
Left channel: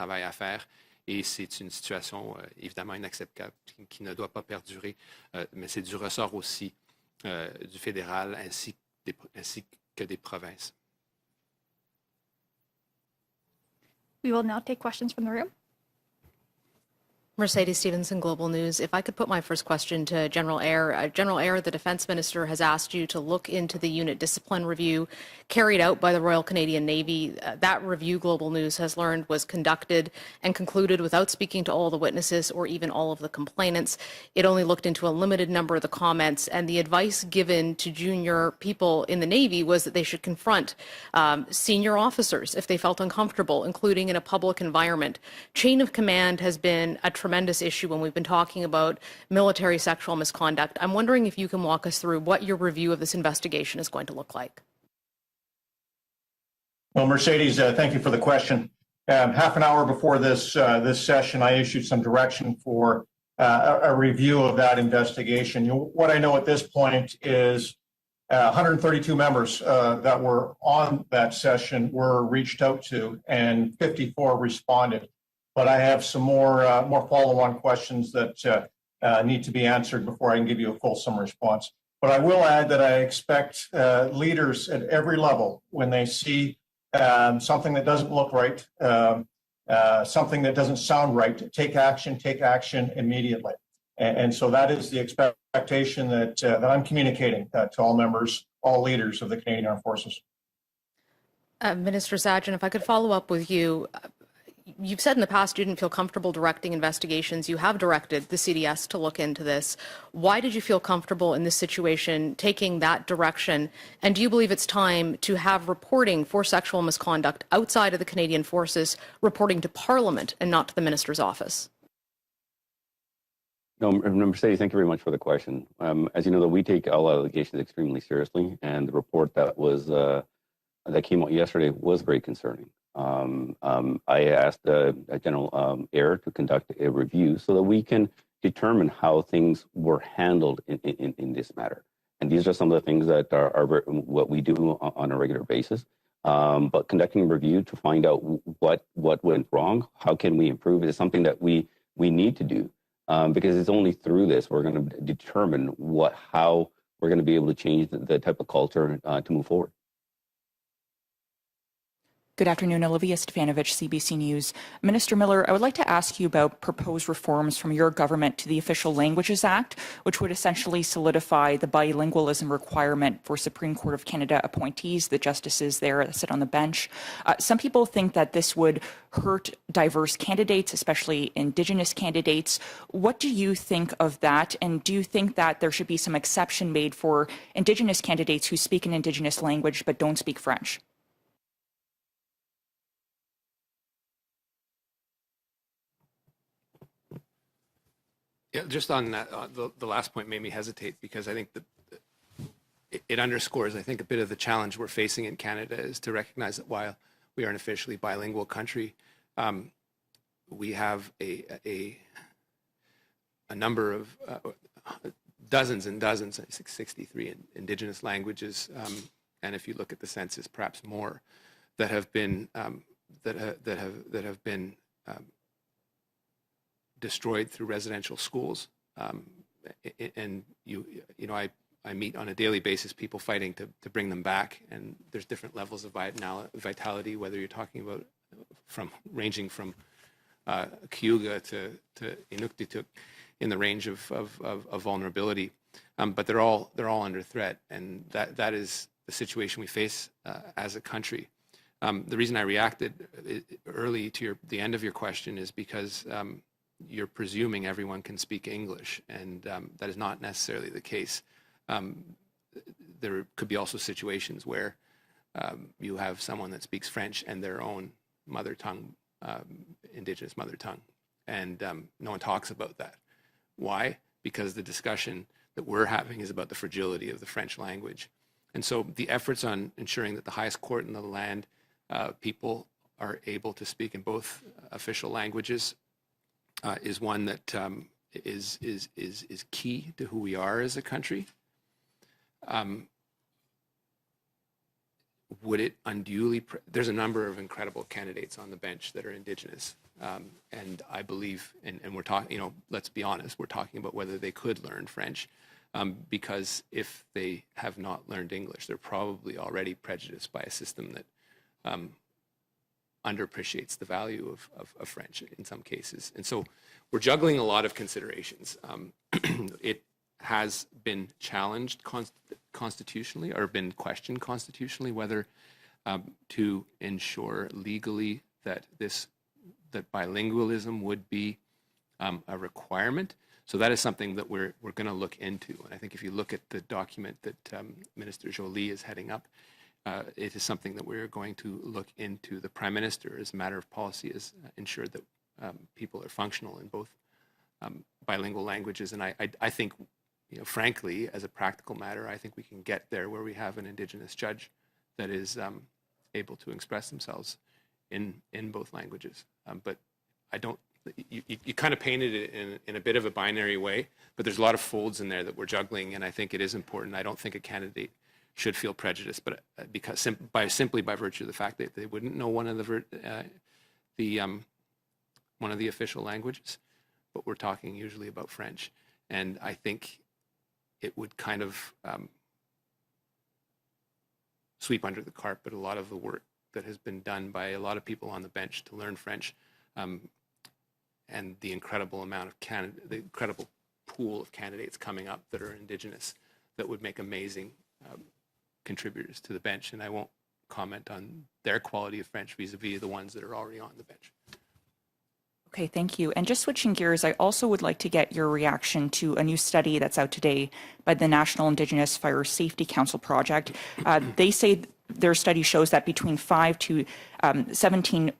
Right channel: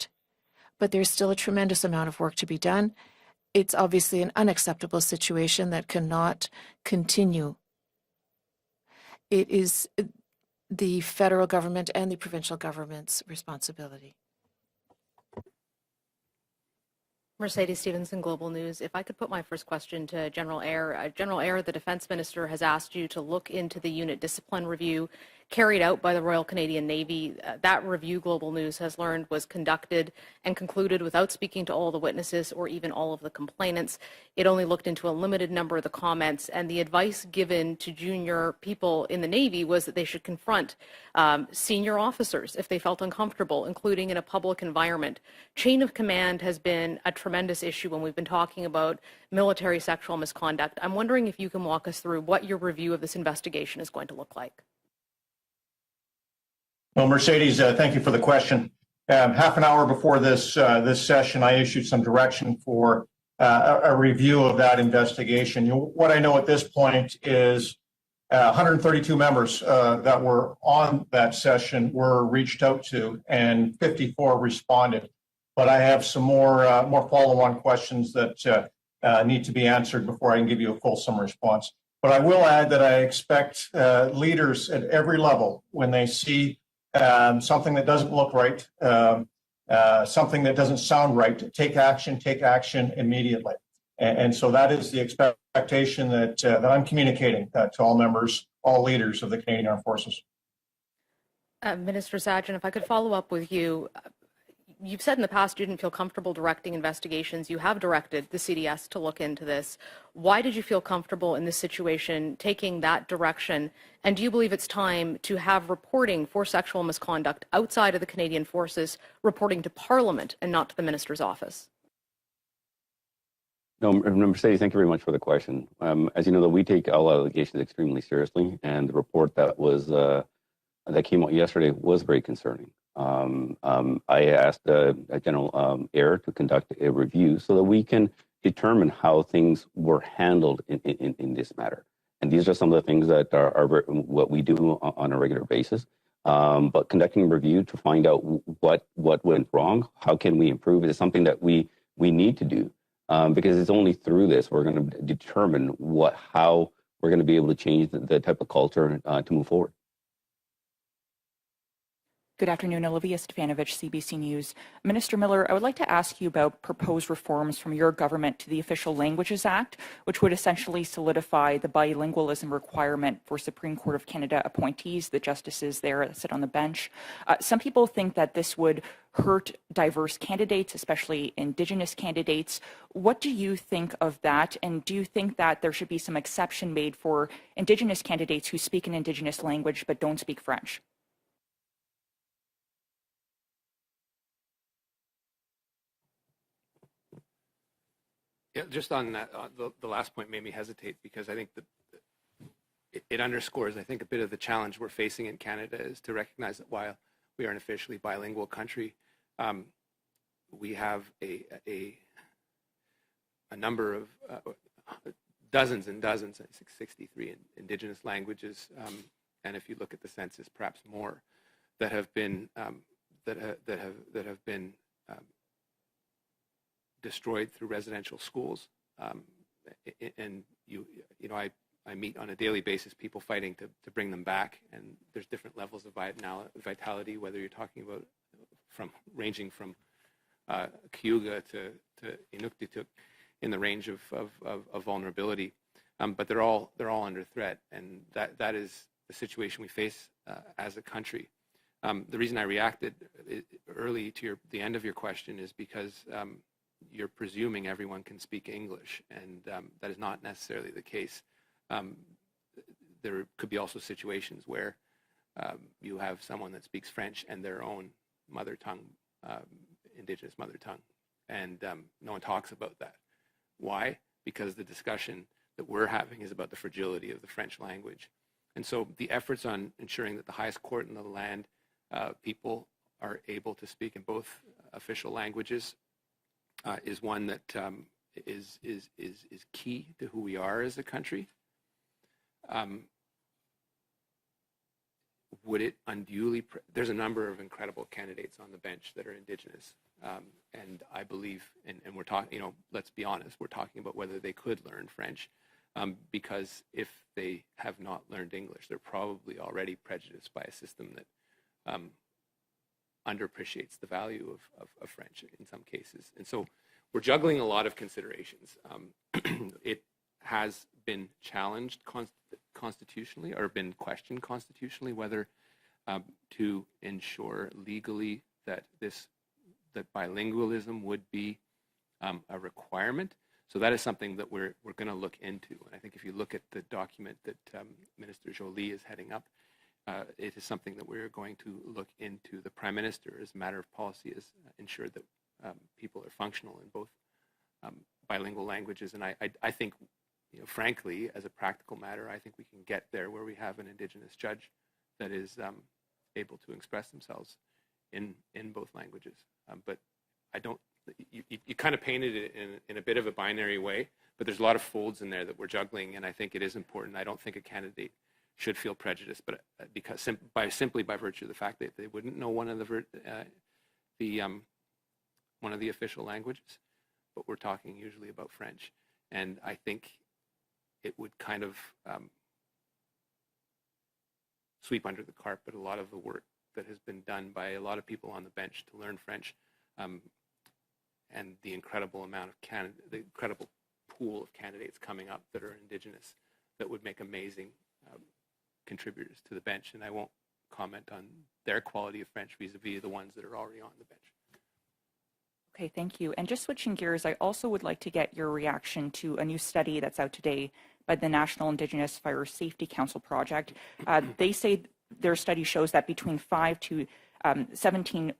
But there's Et still a c'est une tremendous amount of work to be done. évidemment inacceptable. It's obviously ne an doit pas unacceptable perdurer. situation Mais that c'est du ressort cannot aussi, continue. du fédéral ainsi It is que des provinces. the federal government and the provincial government's responsibility. We will now take questions from the room. Mercedes Stevenson, Global News. If I could put my first question to General Eyre. General Eyre, the Defence Minister has asked you to look into the unit discipline review carried out by the Royal Canadian Navy. That review, Global News has learned, was conducted and concluded without speaking to all the witnesses or even all of the complainants. It only looked into a limited number of the comments, and the advice given to junior people in the Navy was that they should confront senior officers if they felt uncomfortable, including in a public environment. Chain of command has been a tremendous issue when we've been talking about military sexual misconduct. I'm wondering if you can walk us through what your review of this investigation is going to look like. Well, Mercedes, thank you for the question. Half an hour before this session, I issued some direction for a review of that investigation. What I know at this point is 132 members that were on that session were reached out to, and 54 responded. But I have some more follow-on questions that need to be answered before I can give you a fulsome response. But I will add that I expect leaders at every level, when they see something that doesn't look right, something that doesn't sound right, to take action immediately. And so that is the expectation that I'm communicating to all members, all leaders of the Canadian Armed Forces. Minister Sajjan, if I could follow up with you. You've said in the past you didn't feel comfortable directing investigations. You have directed the CDS to look into this. Why did you feel comfortable in this situation taking that direction? And do you believe it's time to have reporting for sexual misconduct outside of the Canadian Forces reporting to Parliament and not to the Minister's office? No, Mercedes, thank you very much for the question. As you know, we take all allegations extremely seriously, and the report that was that came out yesterday was very concerning. I asked General Eyre to conduct a review so that we can determine how things were handled in this matter. And these are some of the things that are what we do on a regular basis. But conducting a review to find out what went wrong, how can we improve, is something that we need to do. Because it's only through this we're going to determine how we're going to be able to change the type of culture to move forward. Good afternoon, Olivia Stefanovich, CBC News. Minister Miller, I would like to ask you about proposed reforms from your government to the Official Languages Act, which would essentially solidify the bilingualism requirement for Supreme Court of Canada appointees, the justices there that sit on the bench. Some people think that this would hurt diverse candidates, especially Indigenous candidates. What do you think of that? And do you think that there should be some exception made for Indigenous candidates who speak an Indigenous language but don't speak French? Yeah, just on that, the last point made me hesitate, because I think that it underscores, I think, a bit of the challenge we're facing in Canada is to recognize that while we are an officially bilingual country, we have a number of dozens and dozens, 63 Indigenous languages, and if you look at the census, perhaps more, that have been destroyed through residential schools, and I meet on a daily basis people fighting to bring them back, and there's different levels of vitality, whether you're talking about ranging from Cayuga to Inuktitut, in the range of vulnerability, but they're all under threat, and that is the situation we face as a country. The reason I reacted early to the end of your question is because you're presuming everyone can speak English, and that is not necessarily the case. There could be also situations where you have someone that speaks French and their own mother tongue, Indigenous mother tongue, and no one talks about that. Why? Because the discussion that we're having is about the fragility of the French language. And so the efforts on ensuring that the highest court in the land, people are able to speak in both official languages, is one that is key to who we are as a country. Would it unduly? There's a number of incredible candidates on the bench that are Indigenous, and I believe, and we're talking. Let's be honest. We're talking about whether they could learn French, because if they have not learned English, they're probably already prejudiced by a system that underappreciates the value of French in some cases. And so we're juggling a lot of considerations. It has been challenged constitutionally, or been questioned constitutionally, whether to ensure legally that bilingualism would be a requirement. So that is something that we're going to look into. And I think if you look at the document that Minister Joly is heading up, it is something that we're going to look into. The Prime Minister, as a matter of policy, is ensure that people are functional in both bilingual languages. And I think, frankly, as a practical matter, I think we can get there where we have an Indigenous judge that is able to express themselves in both languages. But I don't. You kind of painted it in a bit of a binary way, but there's a lot of folds in there that we're juggling, and I think it is important. I don't think a candidate should feel prejudiced, but because simply by virtue of the fact that they wouldn't know one of the official languages, but we're talking usually about French, and I think it would kind of sweep under the carpet a lot of the work that has been done by a lot of people on the bench to learn French. And the incredible amount of the incredible pool of candidates coming up that are Indigenous that would make amazing contributors to the bench. And I won't comment on their quality of French vis-a-vis the ones that are already on the bench. Okay, thank you. And just switching gears, I also would like to get your reaction to a new study that's out today by the National Indigenous Fire Safety Council project. They say their study shows that between 5 to 17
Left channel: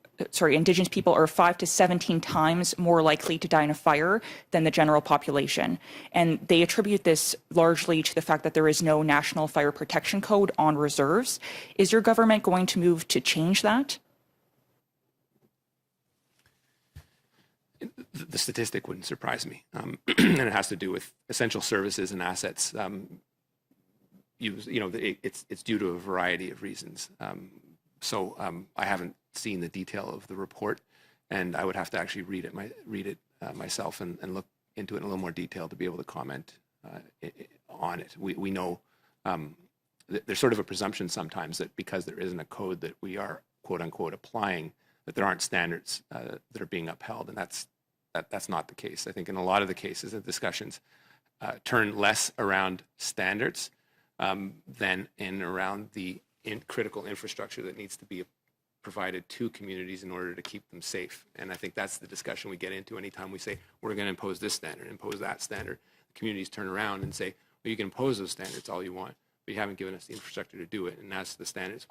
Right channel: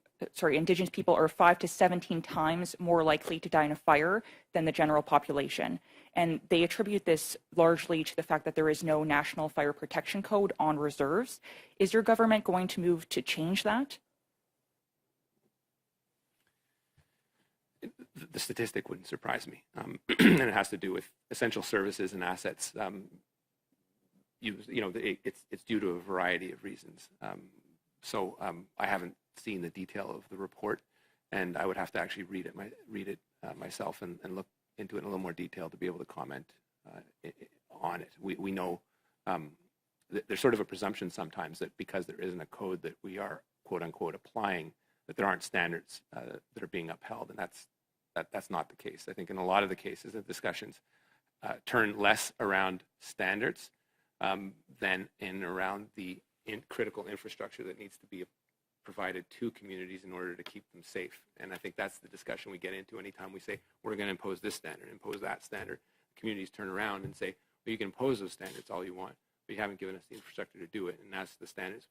Indigenous people are 5 to 17 times more likely to die in a fire than the general population. And they attribute this largely to the fact that there is no national fire protection code on reserves. Is your government going to move to change that? The statistic wouldn't surprise me. And it has to do with essential services and assets. It's due to a variety of reasons. So I haven't seen the detail of the report, and I would have to actually read it myself and look into it in a little more detail to be able to comment on it. We know there's sort of a presumption sometimes that because there isn't a code that we are quote unquote applying, that there aren't standards that are being upheld, and that's not the case. I think in a lot of the cases, the discussions turn less around standards than around the critical infrastructure that needs to be provided to communities in order to keep them safe. And I think that's the discussion we get into anytime we say, we're going to impose this standard, impose that standard. The communities turn around and say, well, you can impose those standards all you want, but you haven't given us the infrastructure to do it. And that's the standards.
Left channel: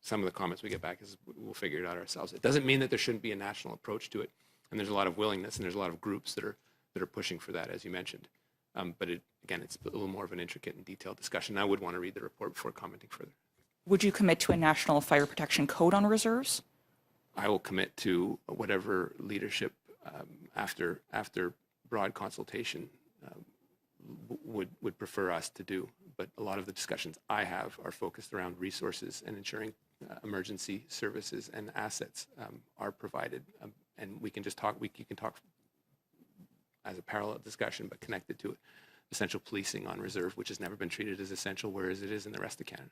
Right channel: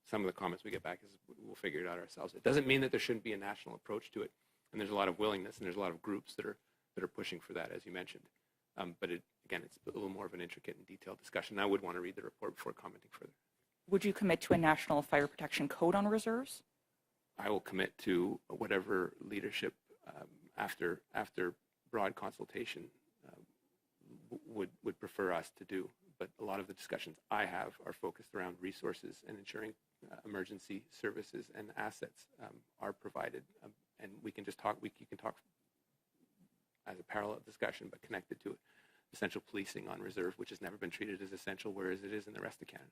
Some of the comments we get back is we'll figure it out ourselves. It doesn't mean that there shouldn't be a national approach to it. And there's a lot of willingness, and there's a lot of groups that are pushing for that, as you mentioned. But again, it's a little more of an intricate and detailed discussion. I would want to read the report before commenting further. Would you commit to a national fire protection code on reserves? I will commit to whatever leadership after broad consultation would prefer us to do. But a lot of the discussions I have are focused around resources and ensuring emergency services and assets are provided. And we can just talk. You can talk as a parallel discussion, but connected to essential policing on reserve, which has never been treated as essential, whereas it is in the rest of Canada.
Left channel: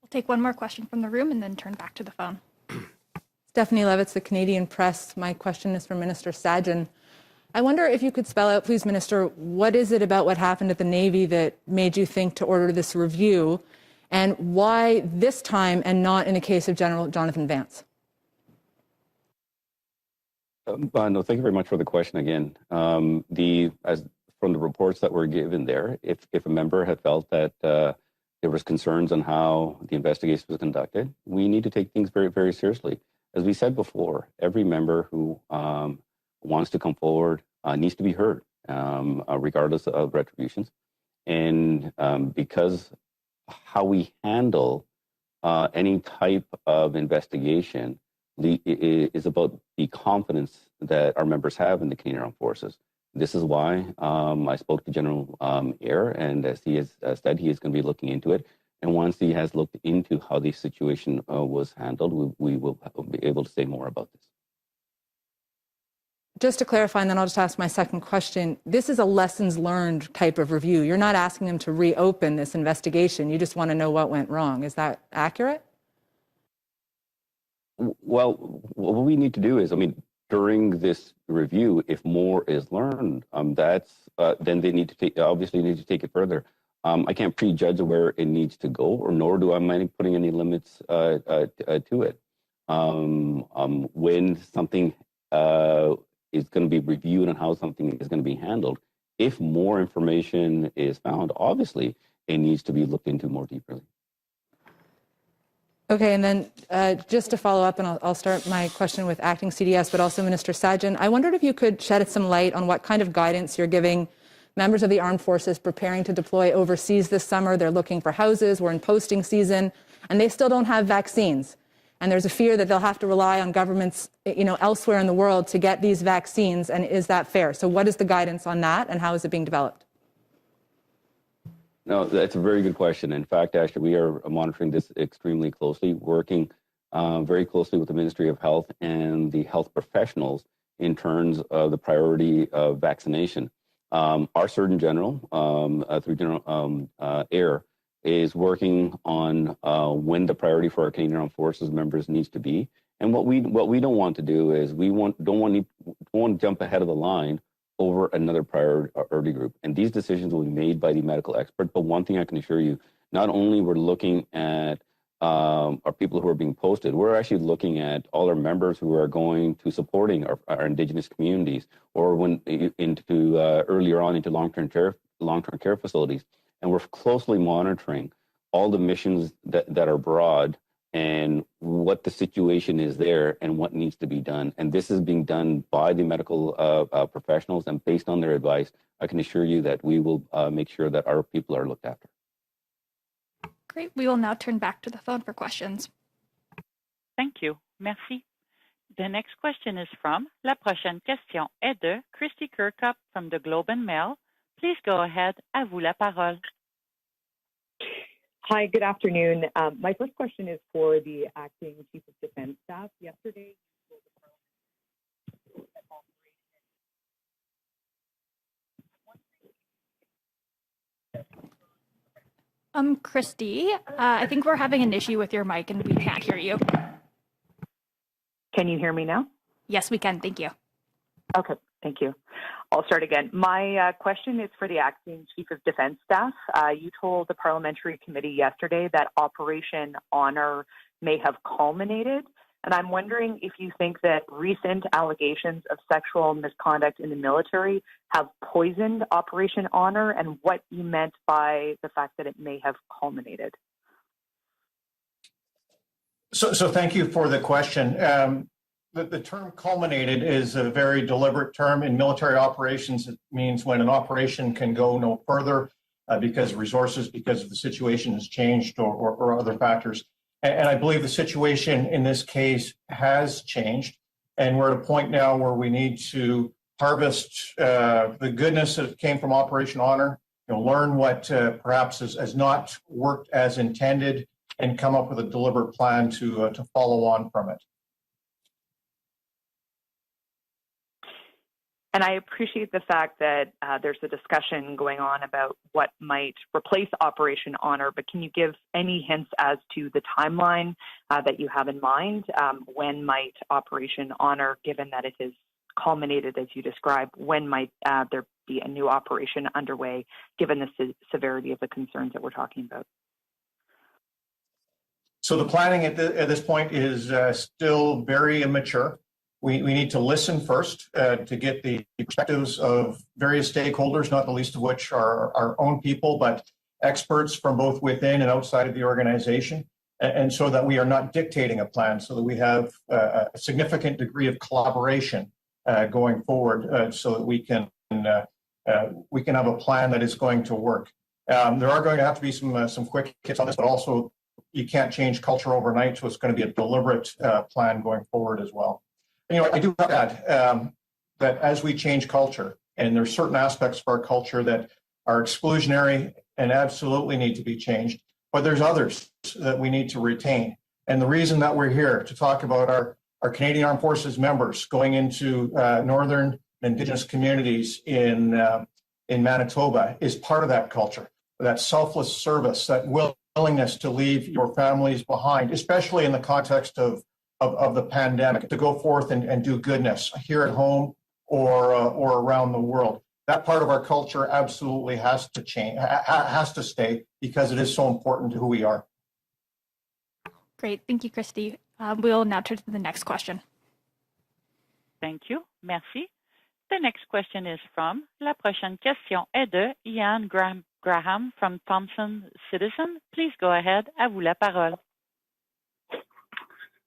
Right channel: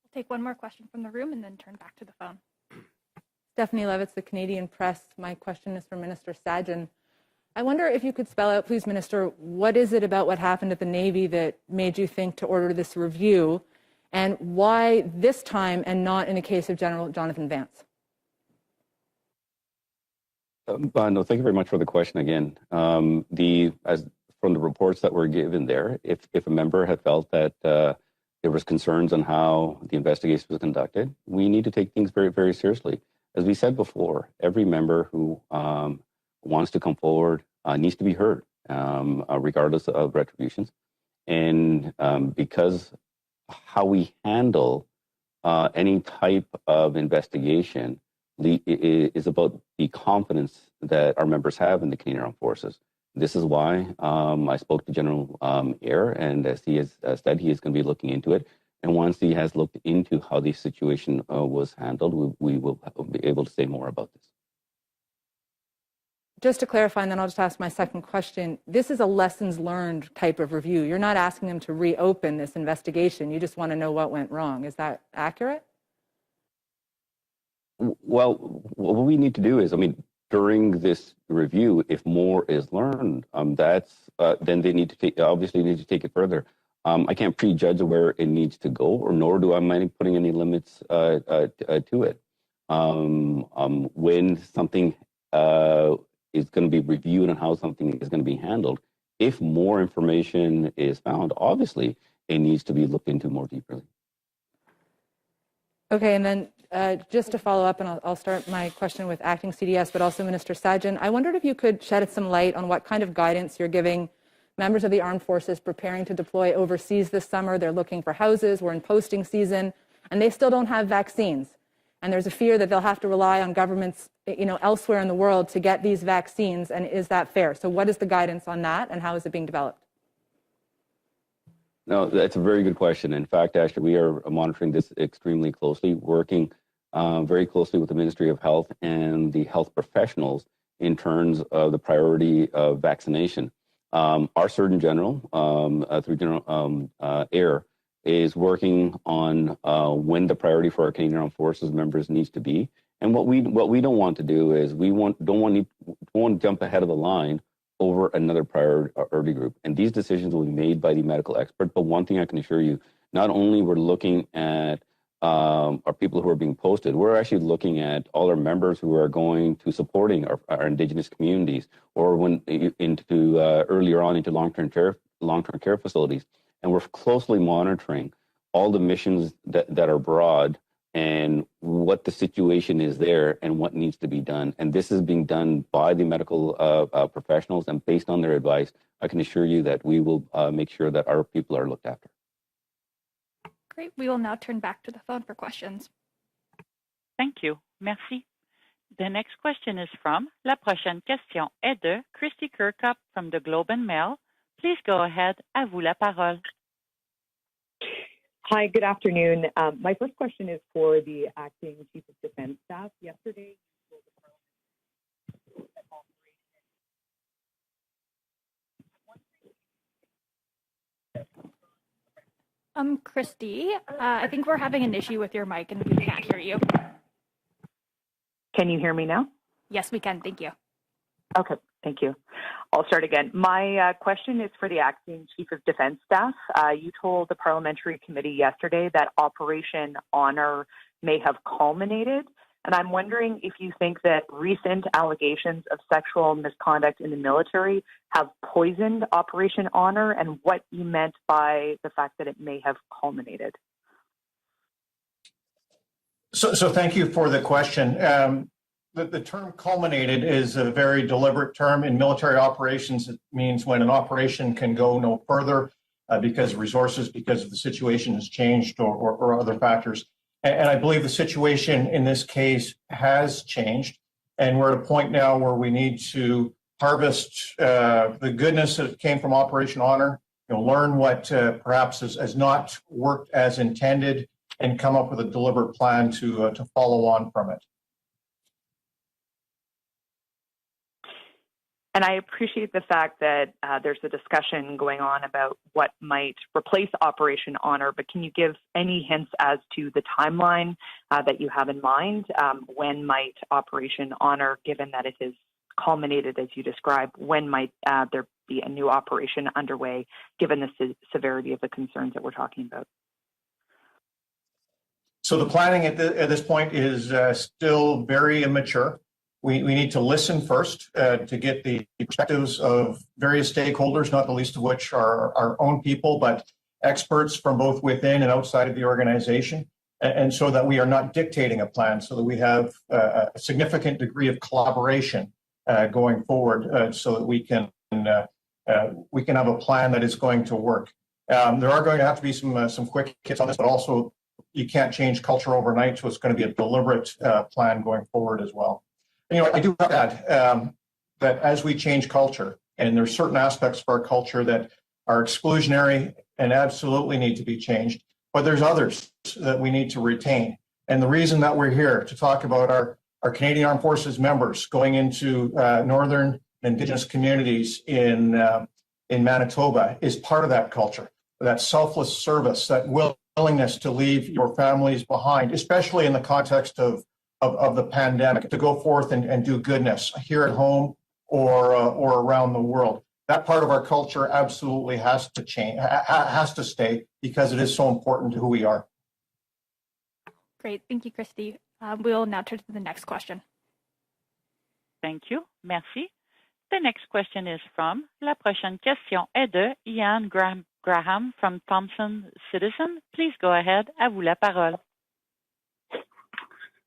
We'll take one more question from the room and then turn back to the phone. Stephanie Levitz, the Canadian Press. My question is for Minister Sajjan. I wonder if you could spell out, please, Minister, what is it about what happened at the Navy that made you think to order this review, and why this time and not in a case of General Jonathan Vance? No, thank you very much for the question again. As from the reports that were given there, if a member had felt that there was concerns on how the investigation was conducted, we need to take things very, very seriously. As we said before, every member who wants to come forward needs to be heard, regardless of retributions. And because how we handle any type of investigation is about the confidence that our members have in the Canadian Armed Forces. This is why I spoke to General Eyre, and as he has said, he is going to be looking into it. And once he has looked into how the situation was handled, we will be able to say more about this. Just to clarify, and then I'll just ask my second question. This is a lessons learned type of review. You're not asking them to reopen this investigation. You just want to know what went wrong. Is that accurate? Well, what we need to do is, during this review, if more is learned, then they need to take it further. I can't prejudge where it needs to go, or nor do I mind putting any limits to it. When something is going to be reviewed and how something is going to be handled, if more information is found, obviously it needs to be looked into more deeply. Okay, and then just to follow up, and I'll start my question with Acting CDS, but also Minister Sajjan, I wondered if you could shed some light on what kind of guidance you're giving members of the armed forces preparing to deploy overseas this summer. They're looking for houses, we're in posting season, and they still don't have vaccines. And there's a fear that they'll have to rely on governments, elsewhere in the world to get these vaccines, and is that fair? So what is the guidance on that, and how is it being developed? No, that's a very good question. In fact, actually, we are monitoring this extremely closely, working very closely with the Ministry of Health and the health professionals in terms of the priority of vaccination. Our Surgeon General, through General Air, is working on when the priority for our Canadian Armed Forces members needs to be. And what we don't want to do is don't want to jump ahead of the line over another priority group. And these decisions will be made by the medical expert. But one thing I can assure you, not only we're looking at our people who are being posted, we're actually looking at all our members who are going to supporting our Indigenous communities, or earlier on into long-term care facilities. And we're closely monitoring all the missions that are broad and what the situation is there and what needs to be done. And this is being done by the medical professionals, and based on their advice, I can assure you that we will make sure that our people are looked after. Great. We will now turn back to the phone for questions. Thank you. Merci. The next question is from La prochaine question est de Christy Kirkup from the Globe and Mail. Please go ahead. À vous la parole. Hi, good afternoon. My first question is for the Acting Chief of Defense Staff. Yesterday, Christy, I think we're having an issue with your mic and we can't hear you. Can you hear me now? Yes, we can. Thank you. Okay, thank you. I'll start again. My question is for the Acting Chief of Defense Staff. You told the Parliamentary Committee yesterday that Operation Honor may have culminated, and I'm wondering if you think that recent allegations of sexual misconduct in the military have poisoned Operation Honor, and what you meant by the fact that it may have culminated. So thank you for the question. The term culminated is a very deliberate term. In military operations, it means when an operation can go no further because of resources, because the situation has changed or other factors. And I believe the situation in this case has changed. And we're at a point now where we need to harvest the goodness that came from Operation Honor, learn what perhaps has not worked as intended, and come up with a deliberate plan to follow on from it. And I appreciate the fact that there's a discussion going on about what might replace Operation Honor, but can you give any hints as to the timeline that you have in mind? When might Operation Honor, given that it has culminated as you described, when might there be a new operation underway, given the severity of the concerns that we're talking about? So the planning at this point is still very immature. We need to listen first to get the perspectives of various stakeholders, not the least of which are our own people, but experts from both within and outside of the organization, and so that we are not dictating a plan, so that we have a significant degree of collaboration going forward, so that we can have a plan that is going to work. There are going to have to be some quick hits on this, but also you can't change culture overnight, so it's going to be a deliberate plan going forward as well. I do have to add that as we change culture, and there's certain aspects of our culture that are exclusionary and absolutely need to be changed, but there's others that we need to retain. And the reason that we're here to talk about our Canadian Armed Forces members going into northern Indigenous communities in Manitoba is part of that culture, that selfless service, that willingness to leave your families behind, especially in the context of of the pandemic to go forth and do goodness here at home or around the world. That part of our culture absolutely has to change, has to stay, because it is so important to who we are. Great. Thank you, Christy. We'll now turn to the next question. Thank you. Merci. The next question is from, la prochaine question est de Ian Graham from Thomson Citizen. Please go ahead. À vous la parole.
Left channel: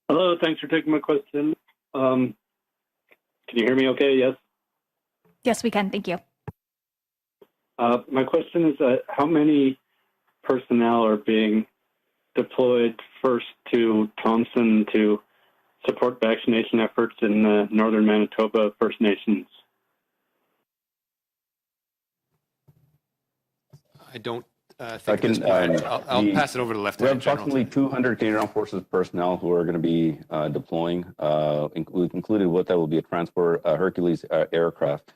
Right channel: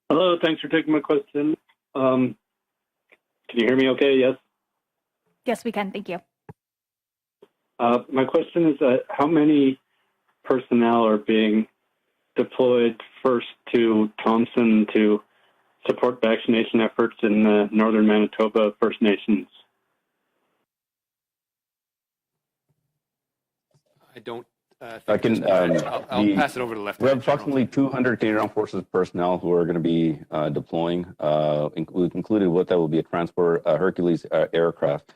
Hello, thanks for taking my question. Can you hear me okay? Yes? Yes, we can. Thank you. My question is how many personnel are being deployed first to Thompson to support vaccination efforts in northern Manitoba First Nations? I don't think I'll pass it over to We Lieutenant have approximately 200 Canadian Armed Forces personnel who are going to be deploying. Included with that will be a transport Hercules aircraft,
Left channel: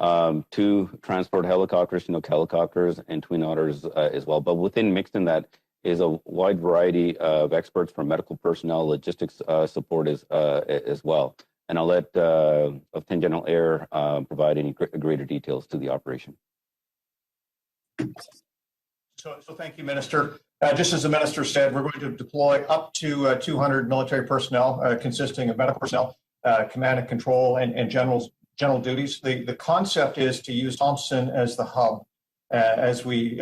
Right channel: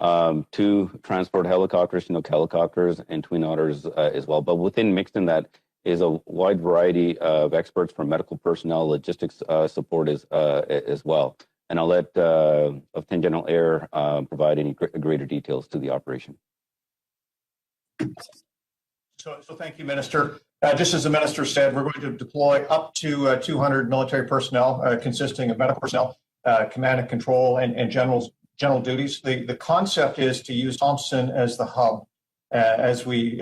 2 transport helicopters, Chinook helicopters, and Twin Otters as well. But mixed in that is a wide variety of experts from medical personnel, logistics support as well. And I'll let Lieutenant General Air provide any greater details to the operation. So thank you, Minister. Just as the Minister said, we're going to deploy up to 200 military personnel consisting of medical personnel, command and control, and general duties. The concept is to use Thompson as the hub as we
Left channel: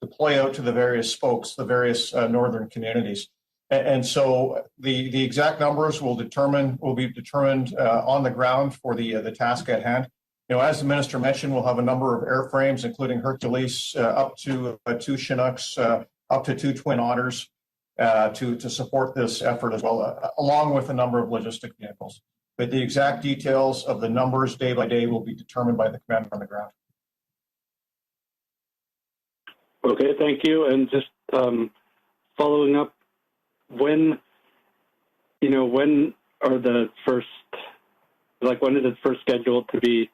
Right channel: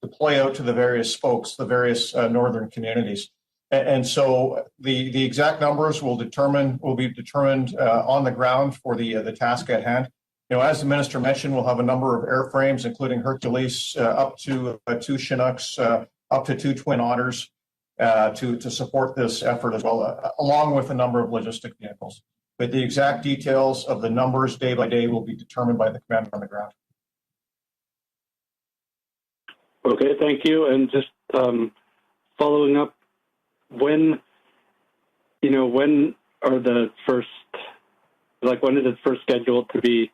deploy out to the various spokes, the various northern communities. And so the exact numbers will be determined on the ground for the task at hand. You know, as the Minister mentioned, we'll have a number of airframes, including Hercules, up to 2 Chinooks, up to 2 Twin Otters, to support this effort as well, along with a number of logistic vehicles. But the exact details of the numbers day by day will be determined by the commander on the ground. Okay, thank you. And just following up, when are the first, when is it first scheduled to be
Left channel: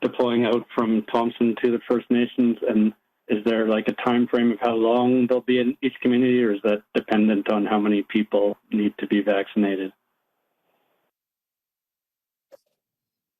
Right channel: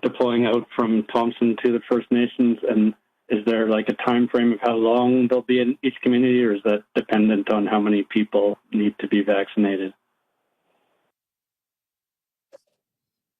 deploying out from Thompson to the First Nations? And is there a time frame of how long they'll be in each community, or is that dependent on how many people need to be vaccinated?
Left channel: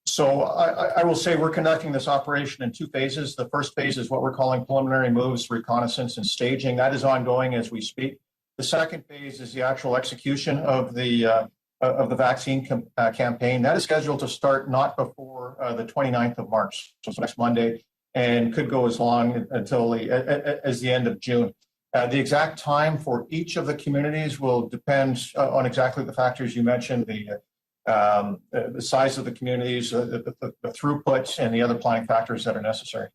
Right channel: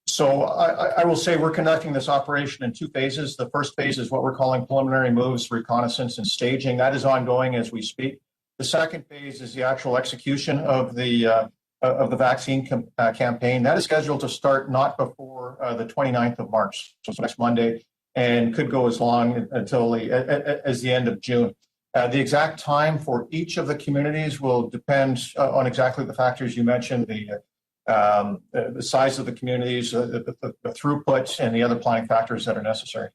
So I will say we're conducting this operation in 2 phases. The first phase is what we're calling preliminary moves, reconnaissance, and staging. That is ongoing as we speak. The second phase is the actual execution of the vaccine campaign. That is scheduled to start not before the 29th of March, so next Monday, and could go as long until as the end of June. The exact time for each of the communities will depend on exactly the factors you mentioned, the size of the communities, the throughput, and the other planning factors that are necessary.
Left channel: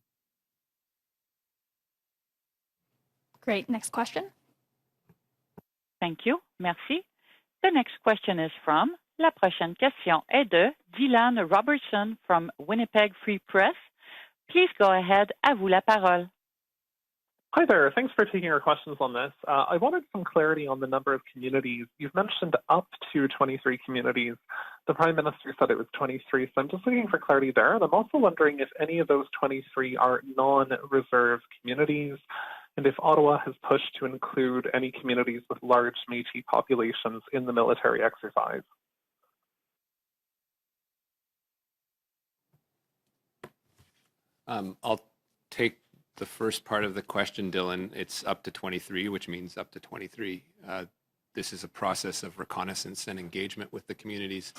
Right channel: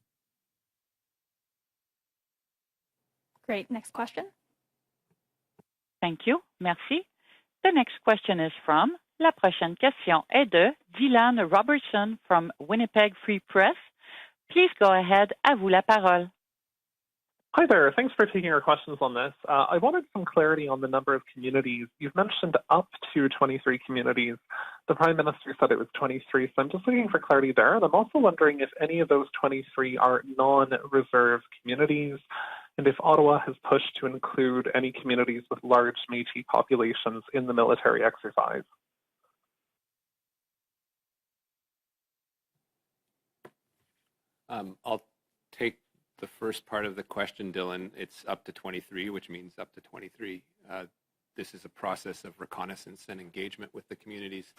Great. Next question. Thank you. Merci. The next question is from, la prochaine question est de Dylan Robertson from Winnipeg Free Press. Please go ahead. À vous la parole. Hi there. Thanks for taking our questions on this. I wanted some clarity on the number of communities. You've mentioned up to 23 communities. The Prime Minister said it was 23, so I'm just looking for clarity there. And I'm also wondering if any of those 23 are non-reserve communities, and if Ottawa has pushed to include any communities with large Métis populations in the military exercise. I'll take the first part of the question, Dylan. It's up to 23, which means up to 23. This is a process of reconnaissance and engagement with the communities,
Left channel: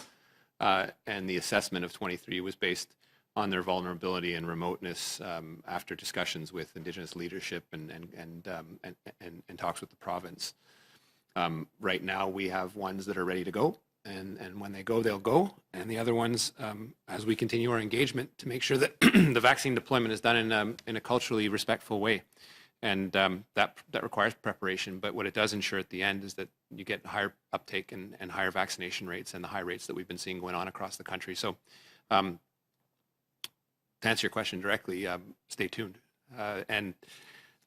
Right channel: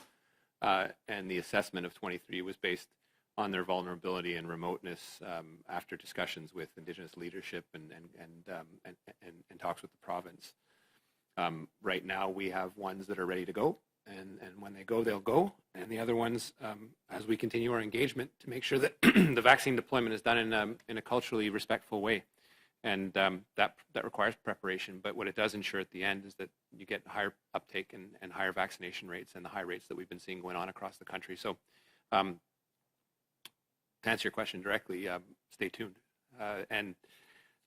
and the assessment of 23 was based on their vulnerability and remoteness after discussions with Indigenous leadership and talks with the province. Right now, we have ones that are ready to go, and when they go, they'll go. And the other ones, as we continue our engagement, to make sure that the vaccine deployment is done in a culturally respectful way. And that requires preparation. But what it does ensure at the end is that you get higher uptake and higher vaccination rates and the high rates that we've been seeing going on across the country. So to answer your question directly, stay tuned. And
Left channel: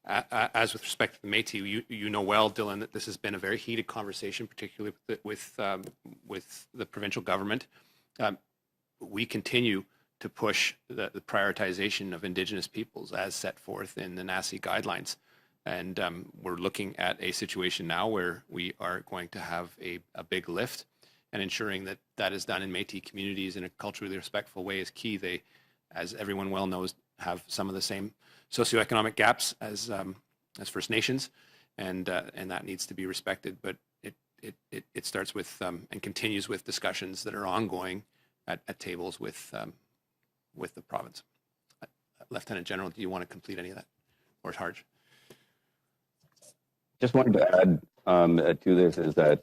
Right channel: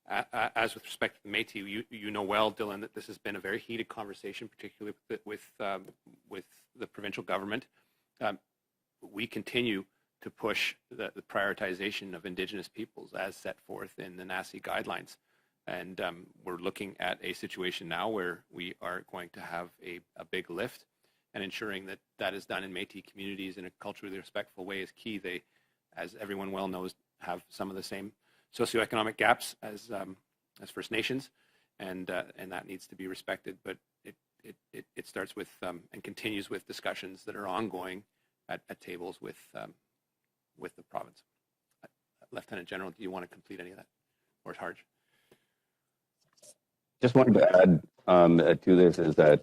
as with respect to the Métis, you know well, Dylan, that this has been a very heated conversation, particularly with the provincial government. We continue to push the prioritization of Indigenous peoples as set forth in the NACI guidelines. And we're looking at a situation now where we are going to have a big lift, and ensuring that that is done in Métis communities in a culturally respectful way is key. They, as everyone well knows, have some of the same socioeconomic gaps as First Nations, and that needs to be respected. But it starts with and continues with discussions that are ongoing at tables with the province. Lieutenant General, do you want to complete any of that, or Harj? Just wanted to add to this is that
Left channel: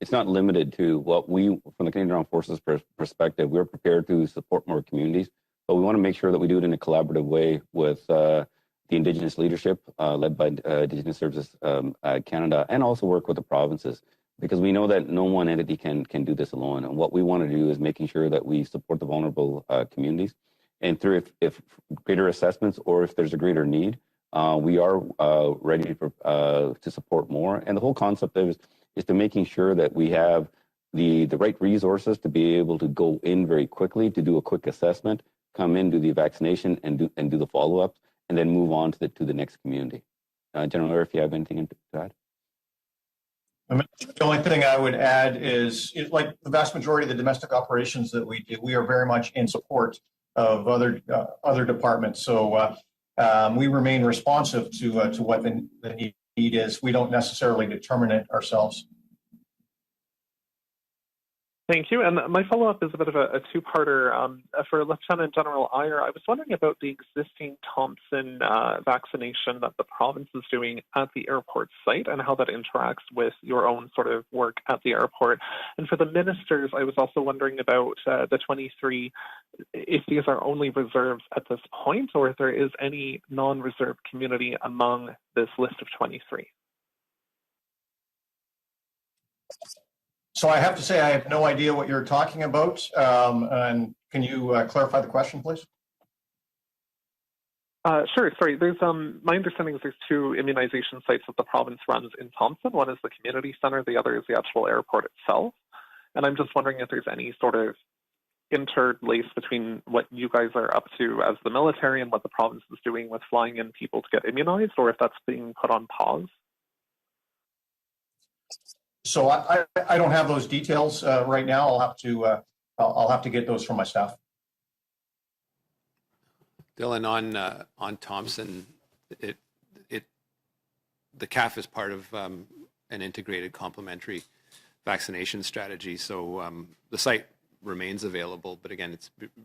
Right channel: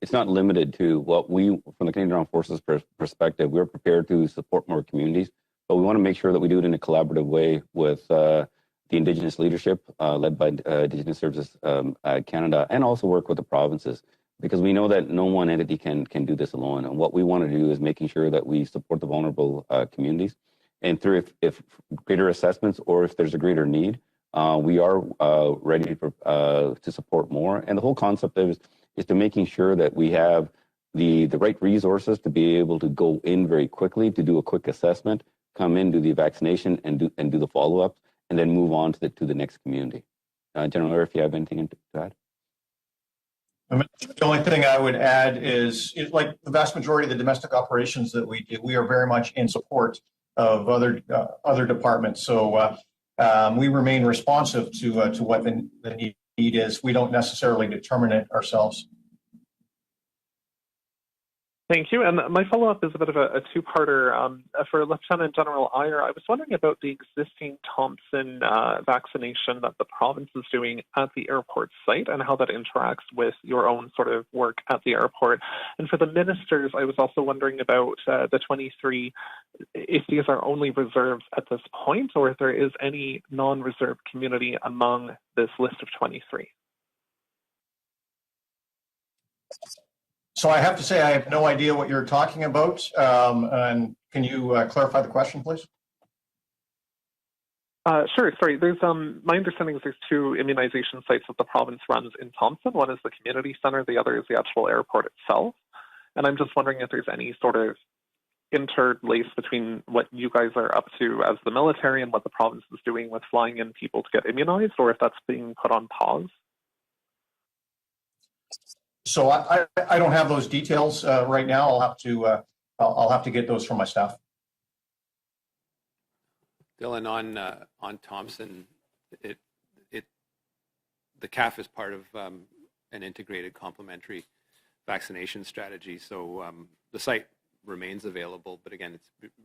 it's not limited to what we, from the Canadian Armed Forces perspective, we're prepared to support more communities, but we want to make sure that we do it in a collaborative way with the Indigenous leadership led by Indigenous Services Canada, and also work with the provinces, because we know that no one entity can do this alone. And what we want to do is making sure that we support the vulnerable communities, and through if greater assessments or if there's a greater need, we are ready to support more. And the whole concept is to making sure that we have the right resources to be able to go in very quickly, to do a quick assessment, come in, do the vaccination, and do the follow-ups, and then move on to the next community. General Mayor, if you have anything to add. The only thing I would add is, like the vast majority of the domestic operations that we do, we are very much in support of other departments. So we remain responsive to what the need is. We don't necessarily determine it ourselves. Thank you. And my follow-up is a bit of a two-parter. For Lieutenant General Iyer, I was wondering about the existing Thompson vaccination that the province is doing at the airport site and how that interacts with your own sort of work at the airport. And for the ministers, I was also wondering about the 23, if these are only reserves at this point, or if there is any non-reserved community among this list of 23. So I have to say I have no idea what you're talking about. And can you clarify the question, please? Sure. Sorry. There's my understanding is there's two immunization sites that the province runs in Thompson. One is the community center. The other is the actual airport itself. And I'm just wondering if there's any sort of interlace between what you guys are up to as the military and what the province is doing with flying in people to get immunized, or if that's being put on pause. So I don't have those details right now. I'll have to get those from my staff. Dylan, on Thompson, the CAF is part of an integrated complementary vaccination strategy. So the site remains available, but again,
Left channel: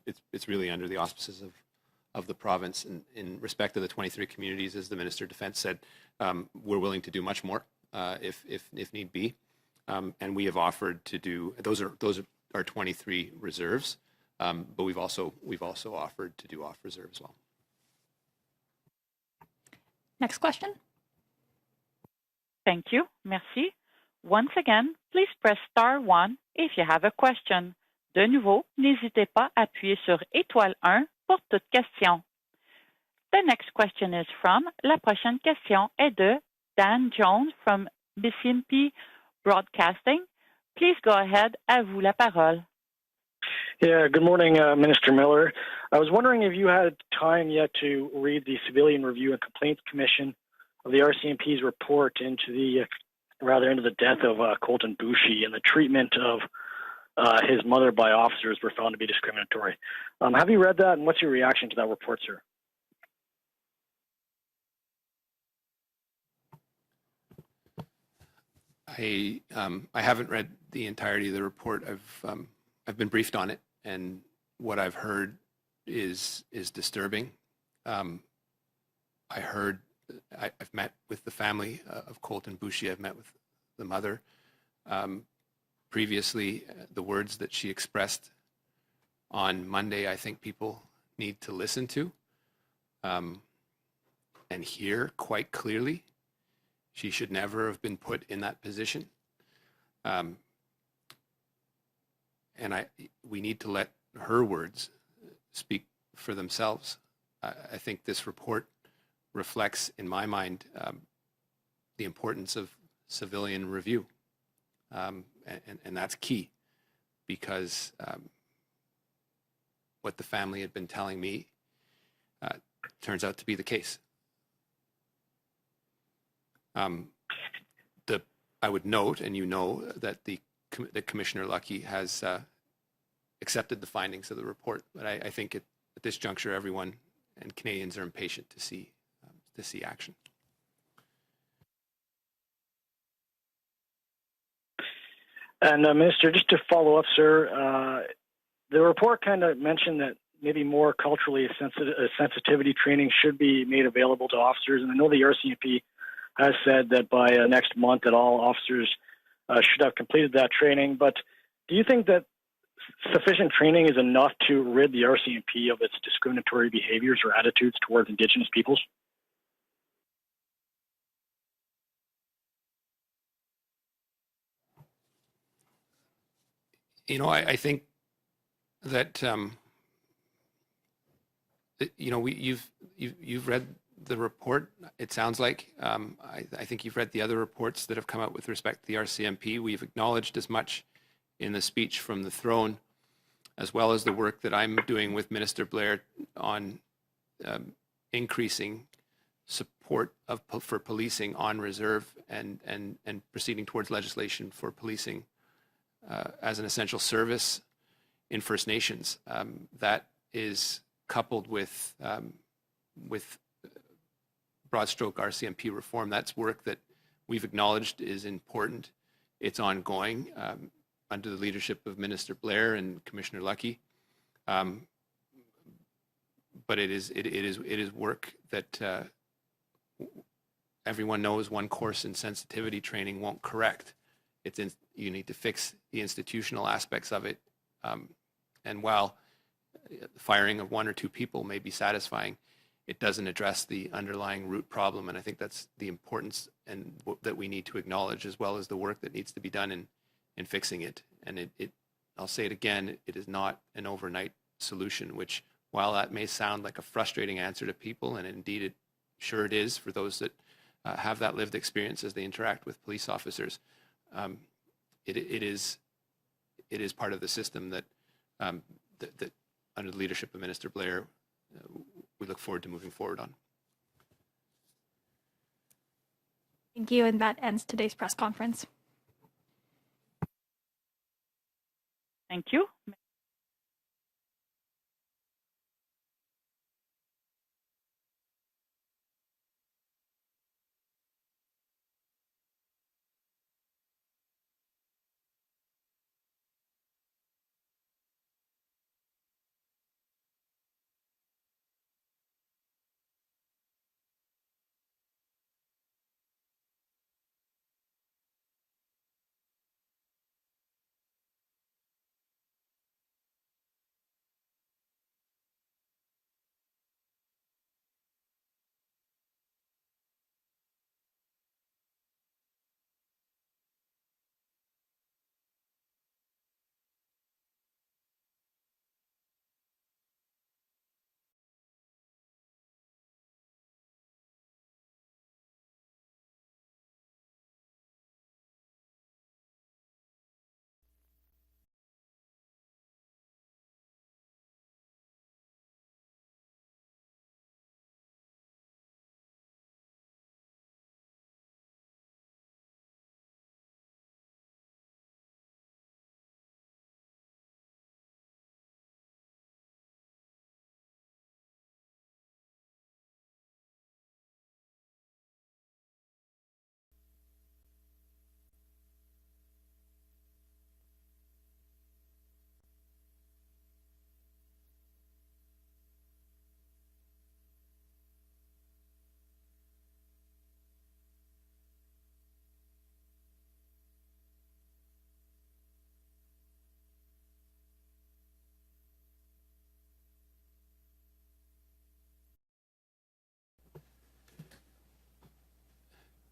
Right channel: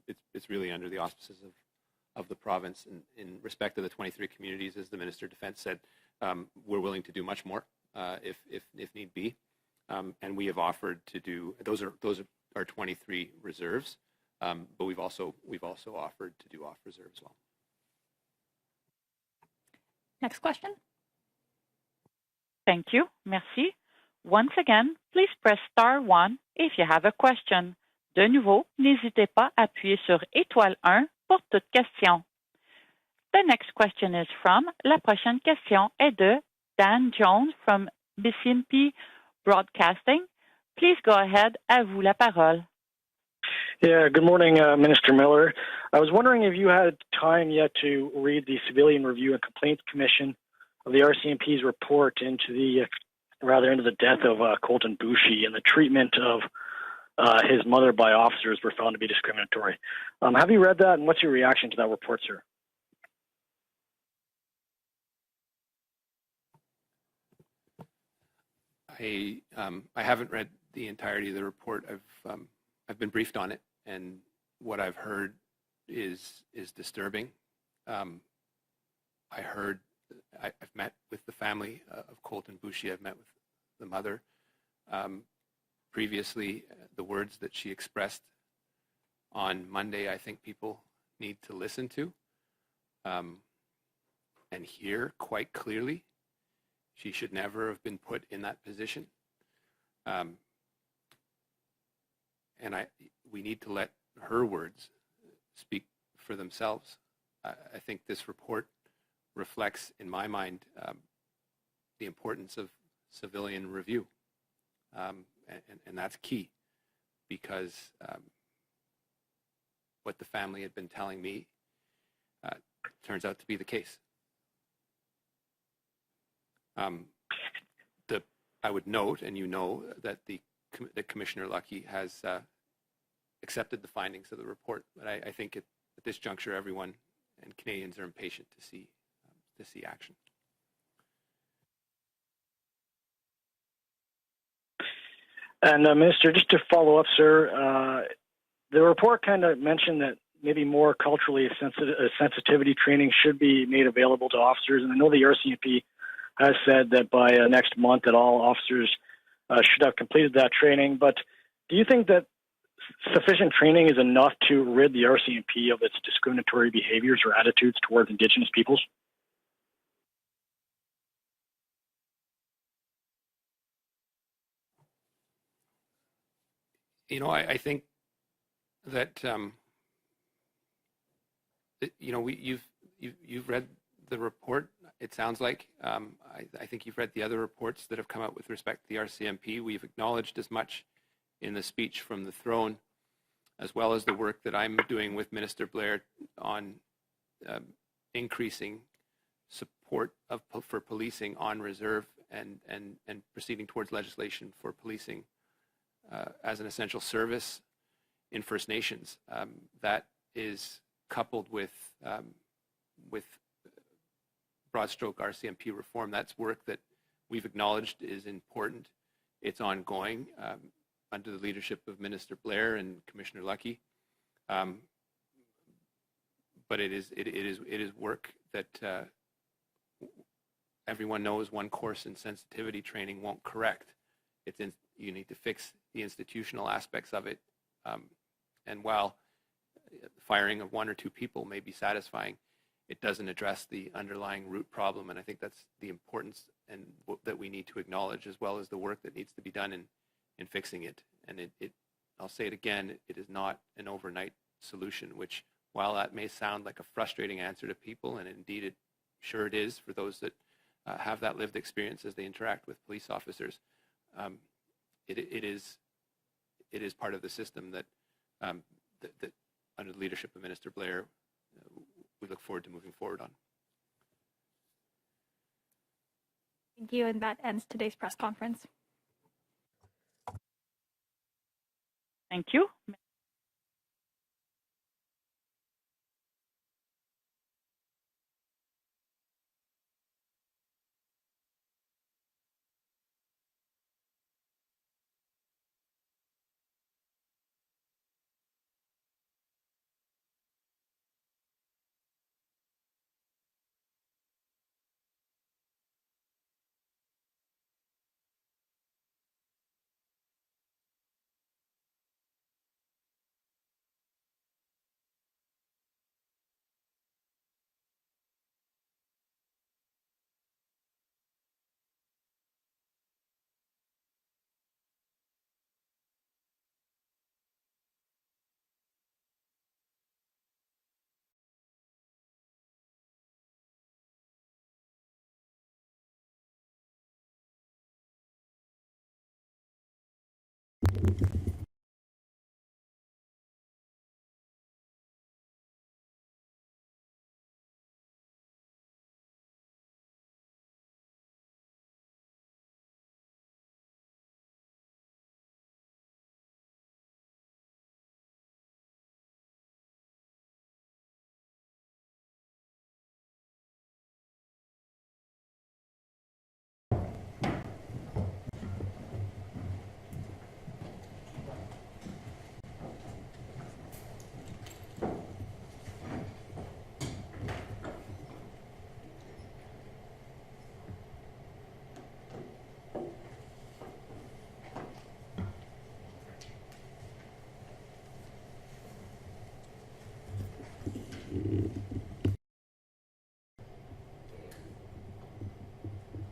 it's really under the auspices of the province. And in respect to the 23 communities, as the Minister of Defence said, we're willing to do much more if need be. And we have offered to do those are 23 reserves, but we've also offered to do off reserve as well. Next question. Thank you. Merci. Once again, please press *1 if you have a question. De nouveau, n'hésitez pas à appuyer sur étoile 1 pour toute question. The next question is from, la prochaine question est de Dan Jones from BCMP Broadcasting. Please go ahead. À vous la parole. Yeah, good morning, Minister Miller. I was wondering if you had time yet to read the Civilian Review and Complaints Commission of the RCMP's report into the death of Colton Boushie and the treatment of his mother by officers were found to be discriminatory. Have you read that, and what's your reaction to that report, sir? I haven't read the entirety of the report. I've been briefed on it, and what I've heard is disturbing. I've met with the family of Colton Boushie. I've met with the mother. Previously, the words that she expressed on Monday, I think people need to listen to and hear quite clearly. She should never have been put in that position. And we need to let her words speak for themselves. I think this report reflects, in my mind, the importance of civilian review. And that's key, because what the family had been telling me turns out to be the case. I would note, and you know, that that Commissioner Lucky has accepted the findings of the report. But I think at this juncture, everyone and Canadians are impatient to see action. And Minister, just to follow up, sir, the report kind of mentioned that maybe more culturally sensitivity training should be made available to officers. And I know the RCMP has said that by next month that all officers should have completed that training. But do you think that sufficient training is enough to rid the RCMP of its discriminatory behaviors or attitudes towards Indigenous peoples? You know, I think that you know, you've read the report. It sounds like I think you've read the other reports that have come out with respect to the RCMP. We've acknowledged as much in the speech from the throne, as well as the work that I'm doing with Minister Blair on increasing support for policing on reserve and proceeding towards legislation for policing as an essential service in First Nations. That is coupled with broad stroke RCMP reform. That's work that we've acknowledged is important. It's ongoing under the leadership of Minister Blair and Commissioner Lucky. But it is work that everyone knows one course in sensitivity training won't correct. You need to fix the institutional aspects of it. And while the firing of one or two people may be satisfying, it doesn't address the underlying root problem. And I think that's the importance and that we need to acknowledge, as well as the work that needs to be done in fixing it. And I'll say it again, it is not an overnight solution, which, while that may sound like a frustrating answer to people, and indeed it is for those that have that lived experience as they interact with police officers, it is part of the system that under the leadership of Minister Blair, we look forward to moving forward on. Thank you, and that ends today's press conference. Thank you.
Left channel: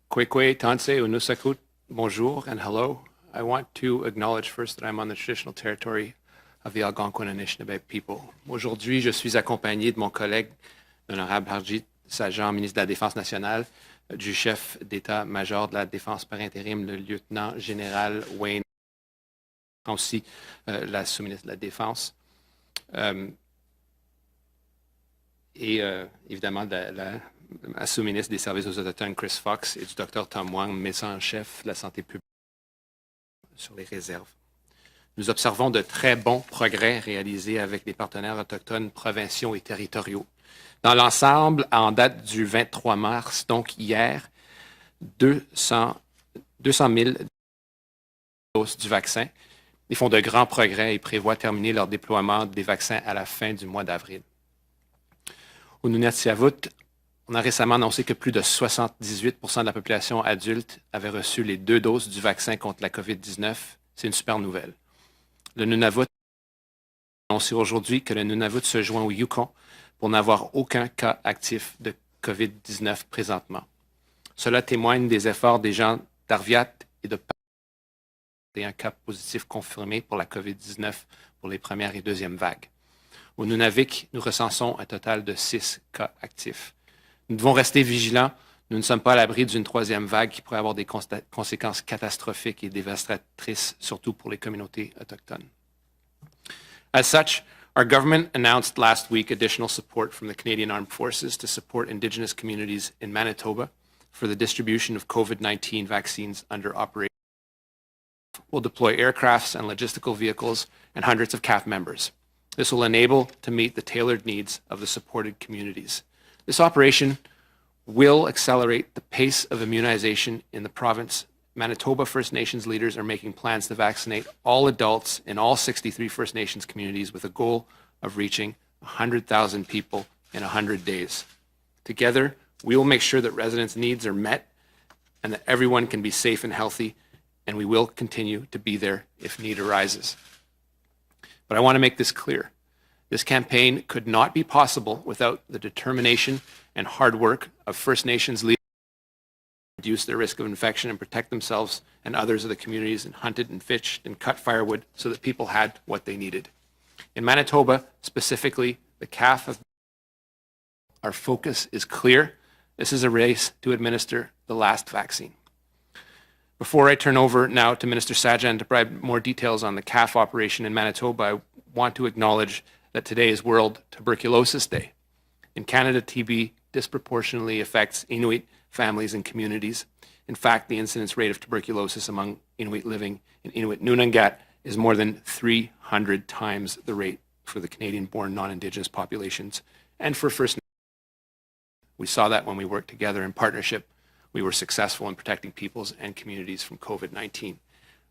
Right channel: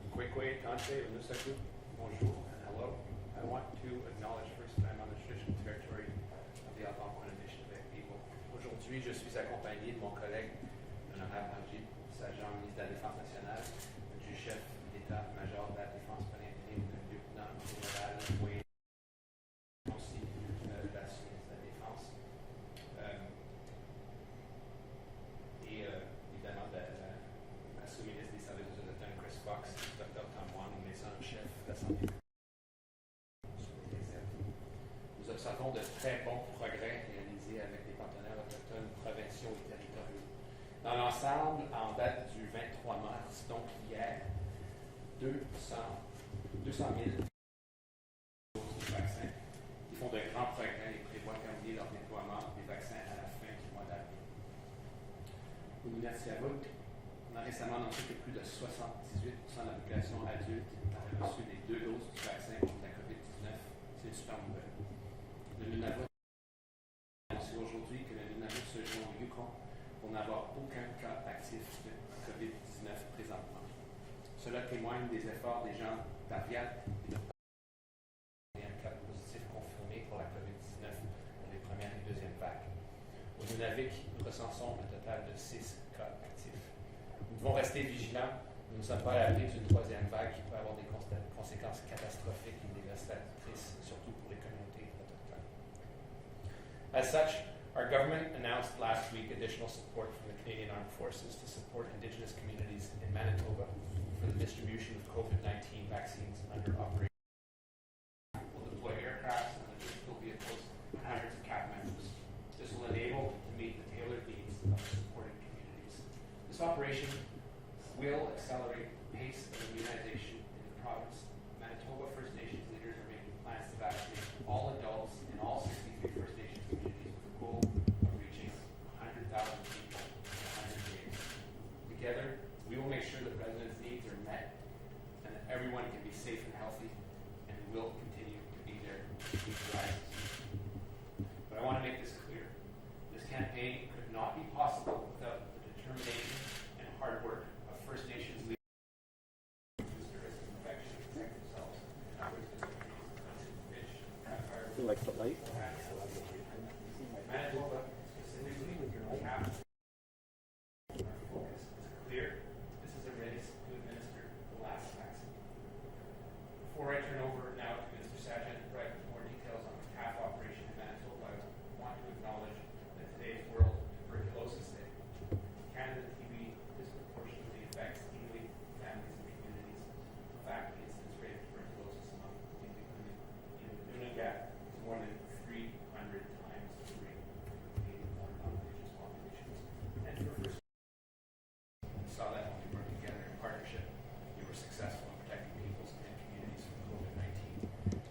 Kwekwe, Tanse, Unusakut, bonjour and hello. I want to acknowledge first that I'm on the traditional territory of the Algonquin and Anishinaabe people. Aujourd'hui, je suis accompagné de mon collègue, l'honorable Harjit Sajjan, ministre de la Défense nationale, du chef d'état-major de la Défense par intérim, le lieutenant général Wayne, aussi la sous-ministre de la Défense, et évidemment sous-ministre des Services aux Autochtones Chris Fox et du Dr Tom Wang, médecin en chef de la santé publique, sur les réserves. Nous observons de très bons progrès réalisés avec les partenaires autochtones provinciaux et territoriaux. Dans l'ensemble, en date du 23 mars, donc hier, 200 000 doses du vaccin. Ils font de grands progrès et prévoient terminer leur déploiement des vaccins à la fin du mois d'avril. Au Nunavut, on a récemment annoncé que plus de 78 % de la population adulte avait reçu les 2 doses du vaccin contre la COVID-19. C'est une super nouvelle. Le Nunavut a annoncé aujourd'hui que le Nunavut se joint au Yukon pour n'avoir aucun cas actif de COVID-19 présentement. Cela témoigne des efforts des gens d'Arviat et de un cas positif confirmé pour la COVID-19 pour les premières et deuxièmes vagues. Au Nunavik, nous recensons un total de 6 cas actifs. Nous devons rester vigilants. Nous ne sommes pas à l'abri d'une 3e vague qui pourrait avoir des conséquences catastrophiques et dévastatrices, surtout pour les communautés autochtones. As such, our government announced last week additional support from the Canadian Armed Forces to support Indigenous communities in Manitoba for the distribution of COVID-19 vaccines under operation. We'll deploy aircrafts and logistical vehicles and hundreds of CAF members. This will enable to meet the tailored needs of the supported communities. This operation will accelerate the pace of immunization in the province. Manitoba First Nations leaders are making plans to vaccinate all adults in all 63 First Nations communities with a goal of reaching 100,000 people in 100 days. Together, we will make sure that residents' needs are met and that everyone can be safe and healthy, and we will continue to be there if need arises. But I want to make this clear. This campaign could not be possible without the determination and hard work of First Nations leaders to reduce their risk of infection and protect themselves and others of the communities and hunted and fished and cut firewood so that people had what they needed. In Manitoba, specifically, the CAF of our focus is clear. This is a race to administer the last vaccine. Before I turn over now to Minister Sajjan to provide more details on the CAF operation in Manitoba, I want to acknowledge that today is World Tuberculosis Day. In Canada, TB disproportionately affects Inuit families and communities. In fact, the incidence rate of tuberculosis among Inuit living in Inuit Nunangat is more than 300 times the rate for the Canadian-born non-Indigenous populations and for First Nations. We saw that when we worked together in partnership. We were successful in protecting peoples and communities from COVID-19.